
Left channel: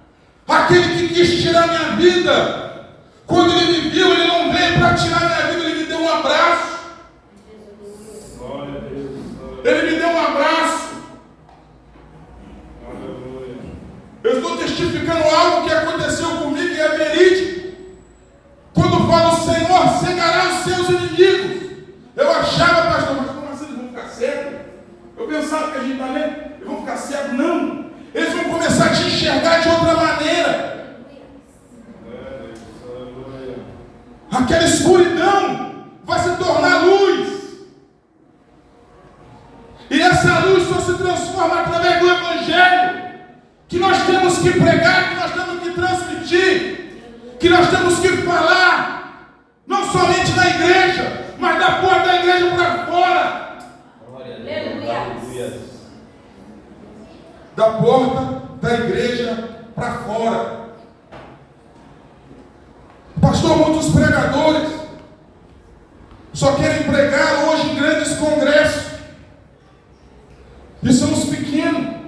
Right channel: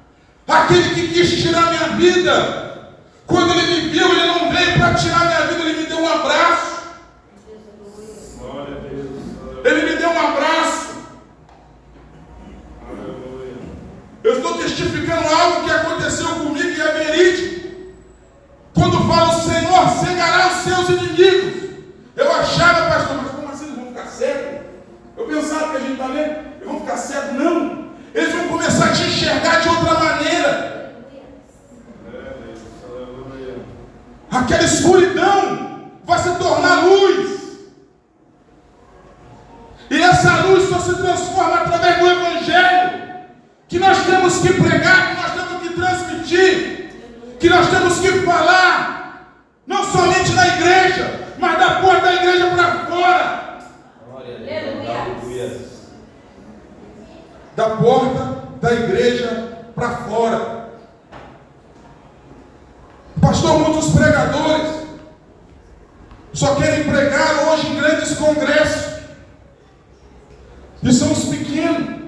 Aquele que quis tirar minha vida, quando ele me viu, ele não veio para tirar minha vida, ele me deu um abraço. Ele me deu um abraço. Eu estou testificando algo que aconteceu comigo e pensar que a gente está lendo, eles vão ficar cegos, não. Eles vão começar a te enxergar de outra maneira. Aquela escuridão vai se tornar luz. E essa luz só se transforma através do Evangelho, que nós temos que pregar, que nós temos que transmitir, que nós temos que falar, não somente na igreja, mas da porta da igreja para fora. Da porta da igreja para fora. Pastor, muitos pregadores só querem pregar hoje em grandes congressos. E são os pequenos.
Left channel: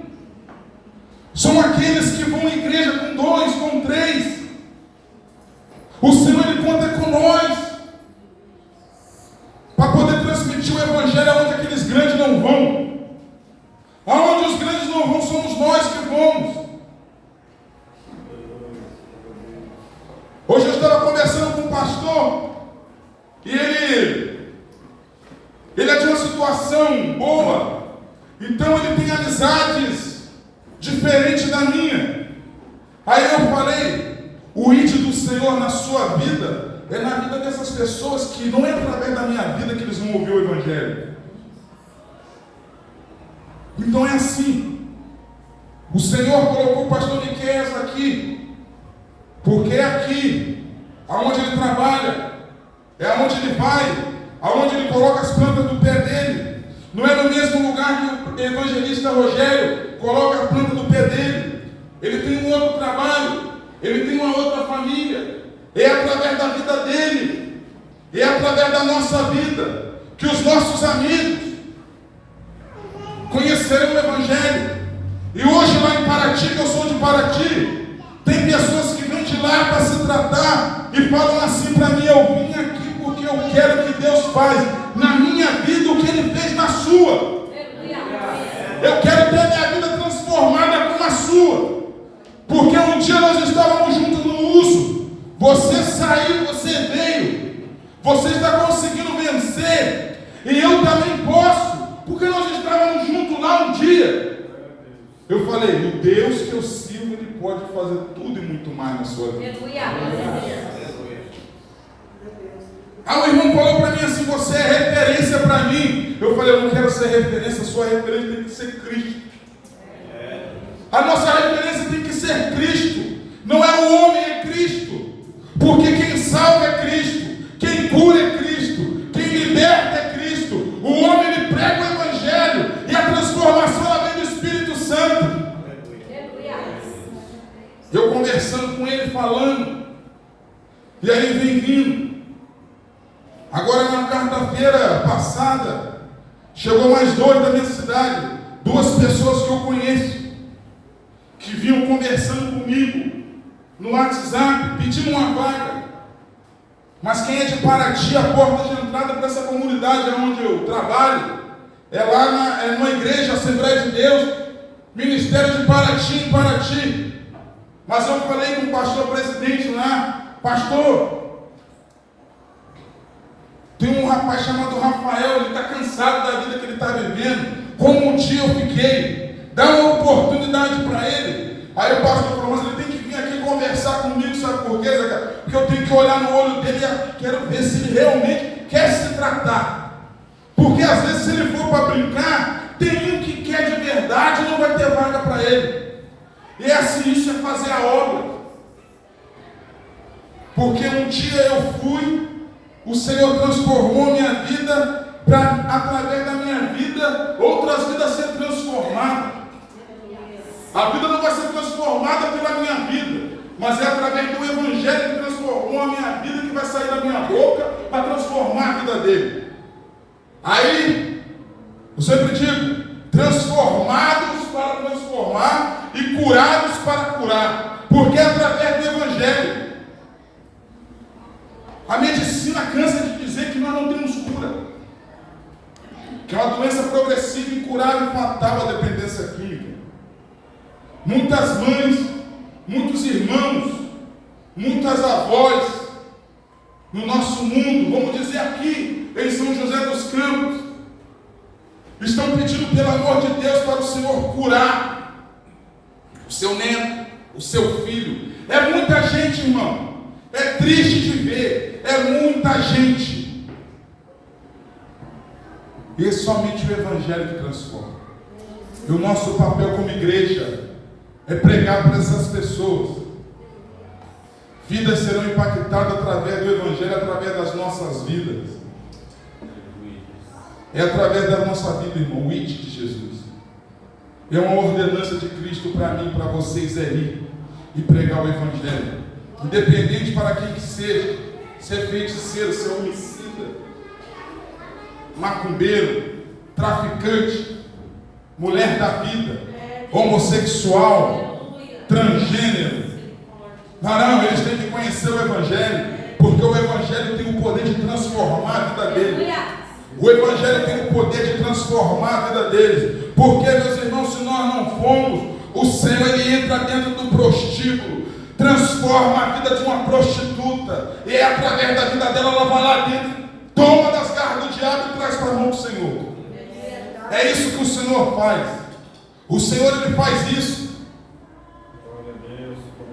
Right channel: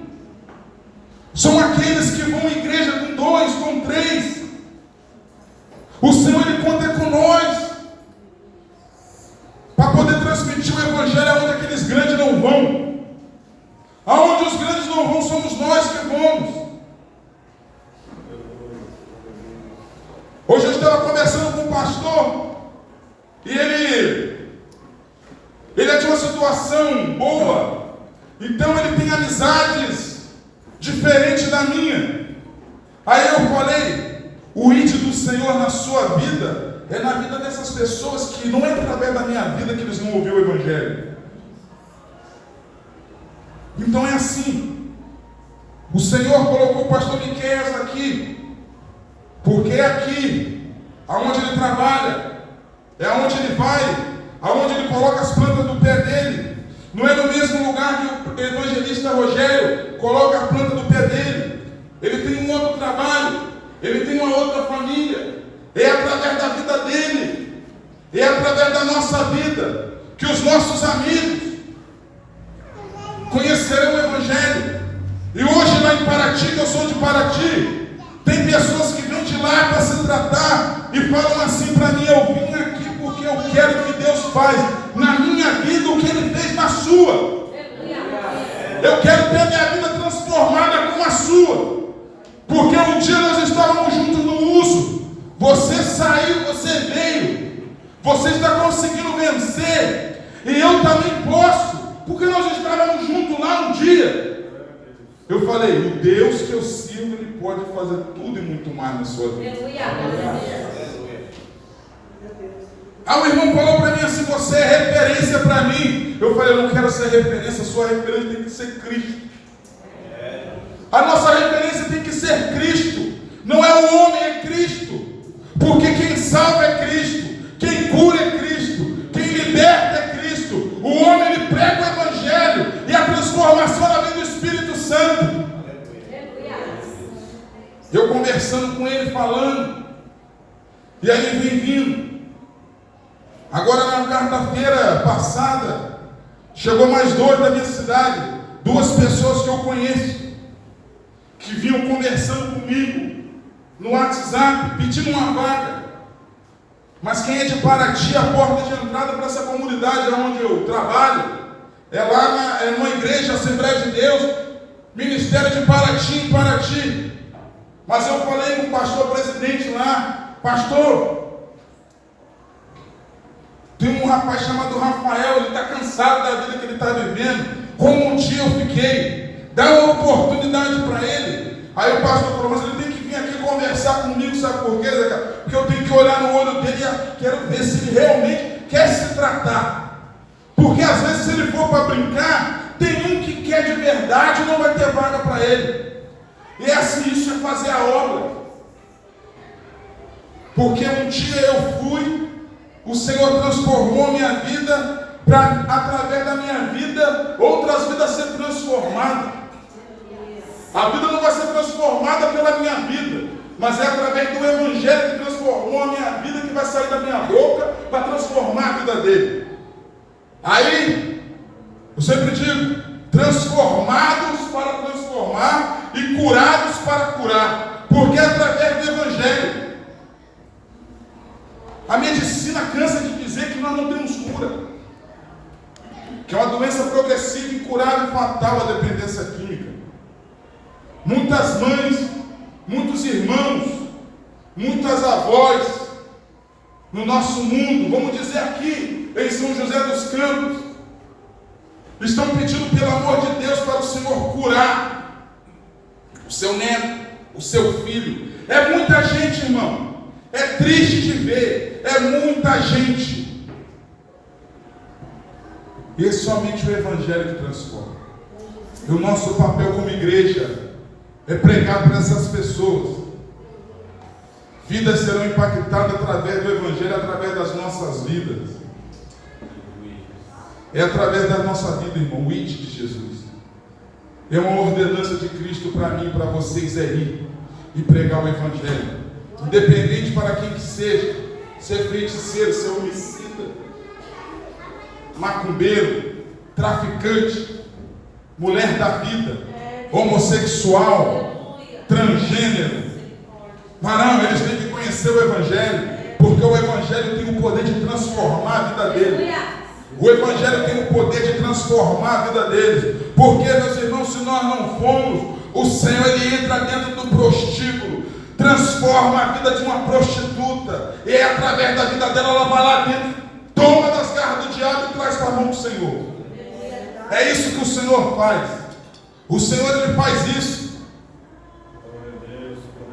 São aqueles que vão à igreja com 2, com 3. O Senhor, Ele conta com nós para poder transmitir o Evangelho aonde aqueles grandes não vão. Aonde os grandes não vão, somos nós que vamos. Hoje eu estava conversando com um pastor e ele é de uma situação boa. Então ele tem amizades diferentes da minha. Aí eu falei, o ídolo do Senhor na sua vida é na vida dessas pessoas que não é através da minha vida que eles vão ouvir o Evangelho. Então é assim. O Senhor colocou o pastor Miqueias aqui, porque é aqui, aonde ele trabalha, é aonde ele vai, aonde ele coloca as plantas do pé dele. Não é no mesmo lugar que o evangelista Rogério coloca a planta do pé dele. Ele tem um outro trabalho, ele tem uma outra família. É através da vida dele, é através da nossa vida, que os nossos amigos conhecerão o Evangelho. E hoje lá em Paraty, que eu sou de Paraty, tem pessoas que vêm de lá para se tratar e falam assim para mim: eu vim aqui porque eu quero que Deus faz na minha vida o que Ele fez na sua. Eu quero ter a minha vida transformada como a sua. Porque um dia nós estávamos juntos no uso. Você saiu, você veio. Você está conseguindo vencer. E eu também posso. Porque nós estávamos juntos lá um dia. Eu falei, o Deus que eu sirvo, Ele pode fazer tudo e muito mais na sua vida. Ah, o irmão falou para mim assim: você é referência para mim. Eu falei, eu não quero ser referência, sua referência tem que ser Cristo. A nossa referência tem que ser Cristo. Não é o homem, é Cristo. Porque quem salva é Cristo, quem cura é Cristo, quem liberta é Cristo. O homem, ele prega o Evangelho e a transformação ela vem do Espírito Santo. Eu conversando com ele, falando, e aí ele vem vindo. Agora na quarta-feira passada, chegou mais 2 da minha cidade, 2 pessoas que eu conheço, que vinham conversando comigo no WhatsApp, pedindo uma vaga. Mas quem é de Paraty, a porta de entrada para essa comunidade onde eu trabalho é lá numa igreja, Assembleia de Deus, Ministério de Paraty, em Paraty. Mas eu falei com o pastor presidente lá: pastor, tem um rapaz chamado Rafael, ele está cansado da vida que ele está vivendo, como um dia eu fiquei, dá uma oportunidade para ele. Aí o pastor falou, mas ele tem que vir aqui conversar comigo, sabe por quê? Porque eu tenho que olhar no olho dele e quero ver se ele realmente quer se tratar. Porque às vezes, se ele for para brincar, tem um que quer de verdade e não vai ter vaga para ele. E é assim, isso é fazer a obra. Porque um dia eu fui, o Senhor transformou minha vida, para através da minha vida, outras vidas ser transformadas. A vida não vai ser transformada pela minha vida, mas é através do Evangelho que transformou a minha vida, que vai sair da minha boca para transformar a vida dele. Aí, eu sempre digo, transformados para transformar e curados para curar, porque é através do Evangelho. A medicina cansa de dizer que nós não temos cura, que é uma doença progressiva, incurável e fatal, a dependência química. Muitas mães, muitos irmãos, muitas avós no nosso mundo, vamos dizer aqui em São José dos Campos, estão pedindo pelo amor de Deus para o Senhor curar o seu neto, o seu filho. É muita gente, irmão. É triste de ver. É muita gente. E é somente o Evangelho que transforma. E o nosso papel como igreja é pregar para essas pessoas. Vidas serão impactadas através do Evangelho, através das nossas vidas. É através da nossa vida, irmão, o ID de Jesus. É uma ordenança de Cristo para mim, para vocês, é ir e pregar o Evangelho. Independente para quem que seja, se é feiticeiro, se é homicida, macumbeiro, traficante, mulher da vida, homossexual, transgênero. Não, eles têm que conhecer o Evangelho, porque o Evangelho tem o poder de transformar a vida deles. O Evangelho tem o poder de transformar a vida deles. Porque, meus irmãos, se nós não formos, o Senhor ele entra dentro do prostíbulo, transforma a vida de uma prostituta, e através da vida dela, ela vai lá dentro, toma das garras do diabo e traz para a mão do Senhor. É isso que o Senhor faz. O Senhor ele faz isso.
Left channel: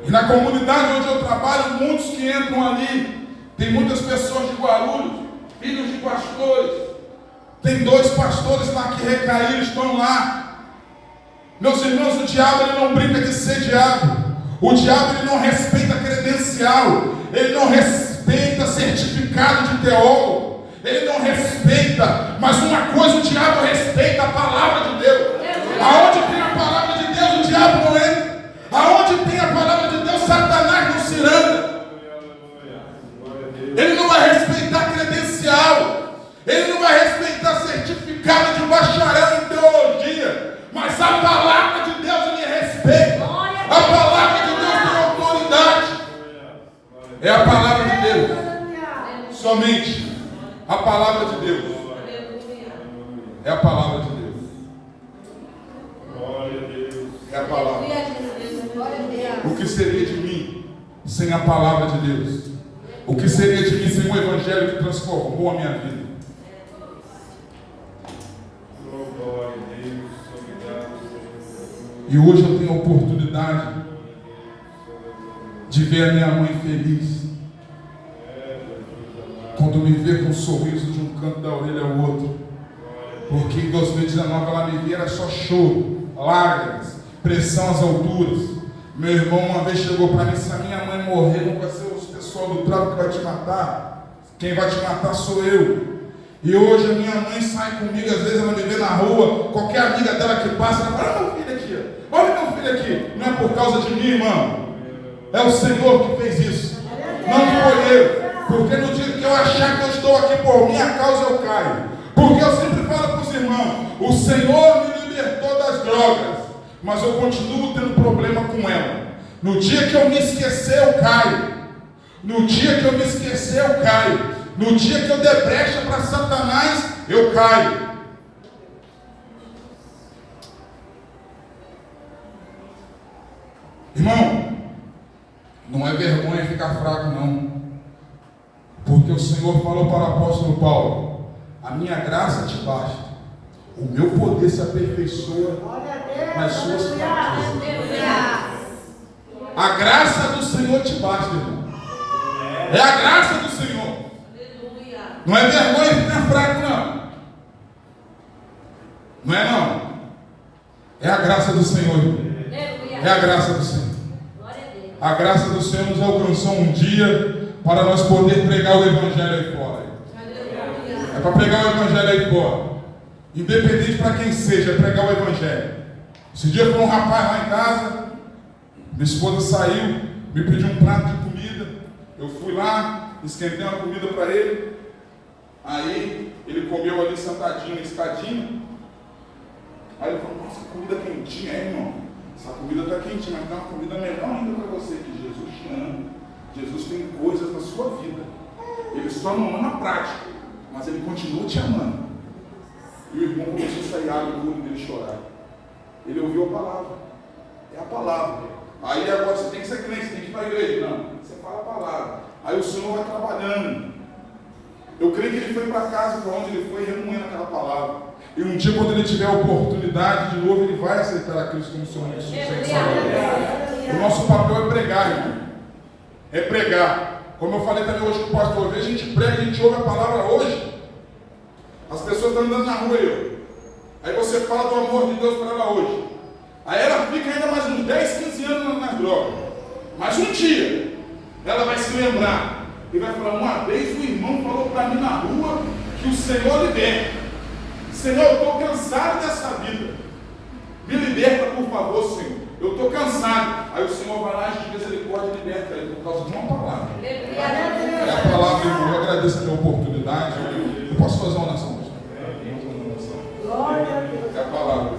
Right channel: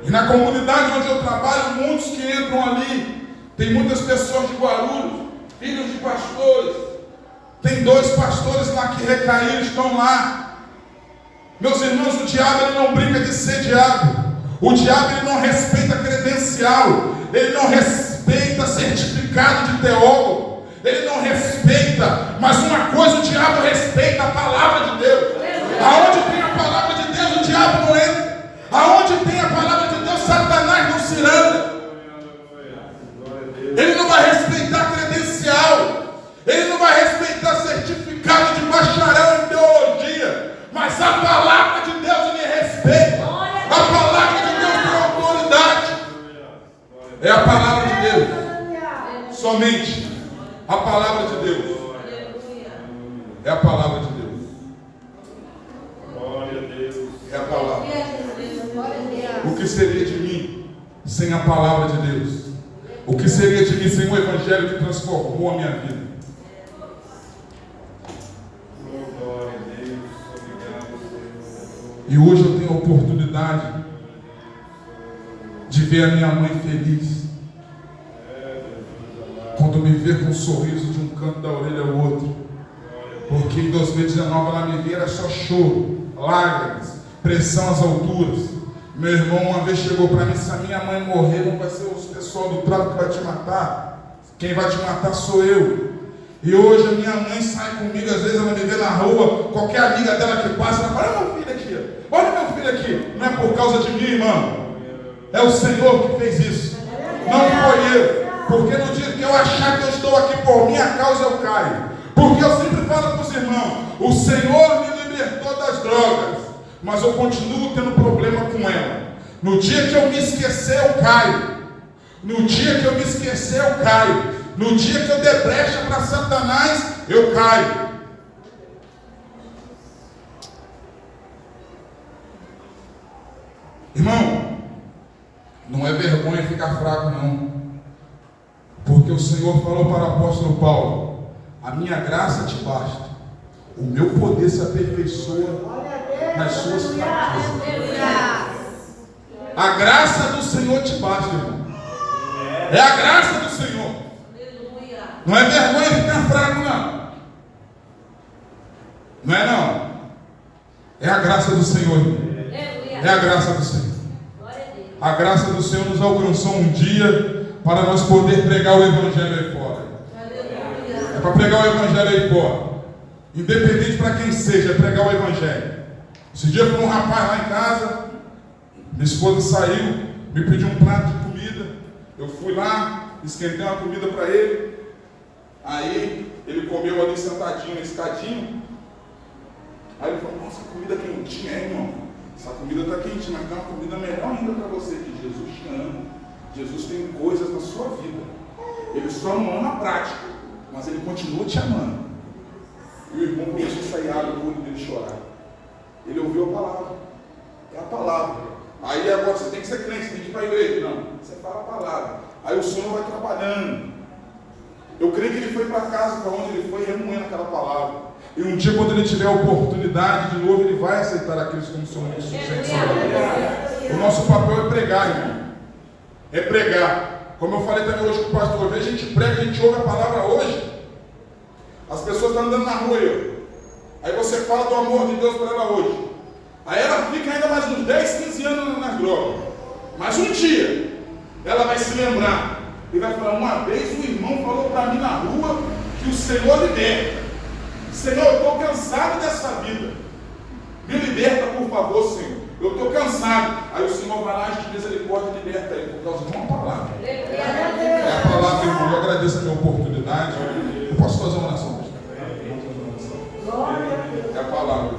E na comunidade onde eu trabalho, muitos que entram ali, tem muitas pessoas de Guarulhos, filhos de pastores, tem 2 pastores lá que recaíram, estão lá. Meus irmãos, o diabo ele não brinca de ser diabo. O diabo ele não respeita credencial, ele não respeita certificado de teólogo, ele não respeita, mas uma coisa o diabo respeita, a palavra de Deus. Aonde tem a palavra de Deus, o diabo não entra. Aonde tem a palavra de Deus, Satanás não se anda. Ele não vai respeitar credencial, ele não vai respeitar certificado de bacharel em teologia, mas a palavra de Deus ele respeita. A palavra de Deus tem autoridade. É a palavra de Deus. Somente a palavra de Deus. É a palavra de Deus. É a palavra. O que seria de mim sem a palavra de Deus? O que seria de mim sem o Evangelho que transformou a minha vida? E hoje eu tenho a oportunidade de ver a minha mãe feliz. Quando me vê com um sorriso de um canto da orelha ao outro. Porque em 2019 ela me vê, era só choro, lágrimas, pressão às alturas. Meu irmão uma vez chegou para mim: se a minha mãe morrer, não vai ser os pessoal do tráfico que vai te matar. Quem vai te matar sou eu. E hoje a minha mãe sai comigo, às vezes ela me vê na rua, qualquer amiga dela que passa, ela fala: olha meu filho aqui, olha meu filho aqui. Não é por causa de mim, irmão. É o Senhor que fez isso. Não foi eu. Porque no dia que eu achar que eu estou aqui por minha causa, eu caio. Porque eu sempre falo para os irmãos: o Senhor me libertou das drogas, mas eu continuo tendo problema com ela. No dia que eu me esquecer, eu caio. No dia que eu me esquecer, eu caio. No dia que eu der brecha para Satanás, eu caio. Irmão, não é vergonha ficar fraco, não. Porque o Senhor falou para o apóstolo Paulo: a minha graça te basta. O meu poder se aperfeiçoa nas suas fraquezas. A graça do Senhor te basta, irmão. É a graça do Senhor. Não é vergonha ficar fraco, não. Não é, não. É a graça do Senhor, irmão. É a graça do Senhor. A graça do Senhor nos alcançou um dia para nós poder pregar o Evangelho aí fora. É para pregar o Evangelho aí fora. Independente para quem seja, é pregar o Evangelho. Esse dia foi um rapaz lá em casa. Minha esposa saiu, me pediu um prato de comida. Eu fui lá, esquentei uma comida para ele. Aí ele comeu ali sentadinho na escadinha. Aí ele falou: nossa, que comida quentinha, irmão. Essa comida está quentinha, mas tem uma comida melhor ainda para você, que Jesus te ama. Jesus tem coisas na sua vida. Ele só não ama a prática, mas ele continua te amando. E o irmão começou a sair água do olho dele chorar. Ele ouviu a palavra. É a palavra. Aí agora você tem que ser crente, você tem que ir para a igreja. Não, você fala a palavra. Aí o Senhor vai trabalhando. Eu creio que ele foi para casa, para onde ele foi, remoendo aquela palavra. E um dia, quando ele tiver a oportunidade de novo, ele vai aceitar a Cristo como seu único suficiente Salvador. O nosso papel é pregar, irmão. É pregar. Como eu falei também hoje com o pastor, às vezes a gente prega, a gente ouve a palavra hoje. As pessoas estão andando na rua aí você fala do amor de Deus para ela hoje. Aí ela fica ainda mais uns 10, 15 anos nas drogas. Mas um dia, ela vai se lembrar e vai falar: uma vez um irmão falou para mim na rua que o Senhor liberta. Senhor, eu estou cansado dessa vida. Me liberta, por favor, Senhor. Eu estou cansado. Aí o Senhor vai lá de misericórdia e liberta ele, por causa de uma palavra. É a palavra, irmão. Eu agradeço a minha oportunidade. Eu posso fazer uma oração? É a palavra.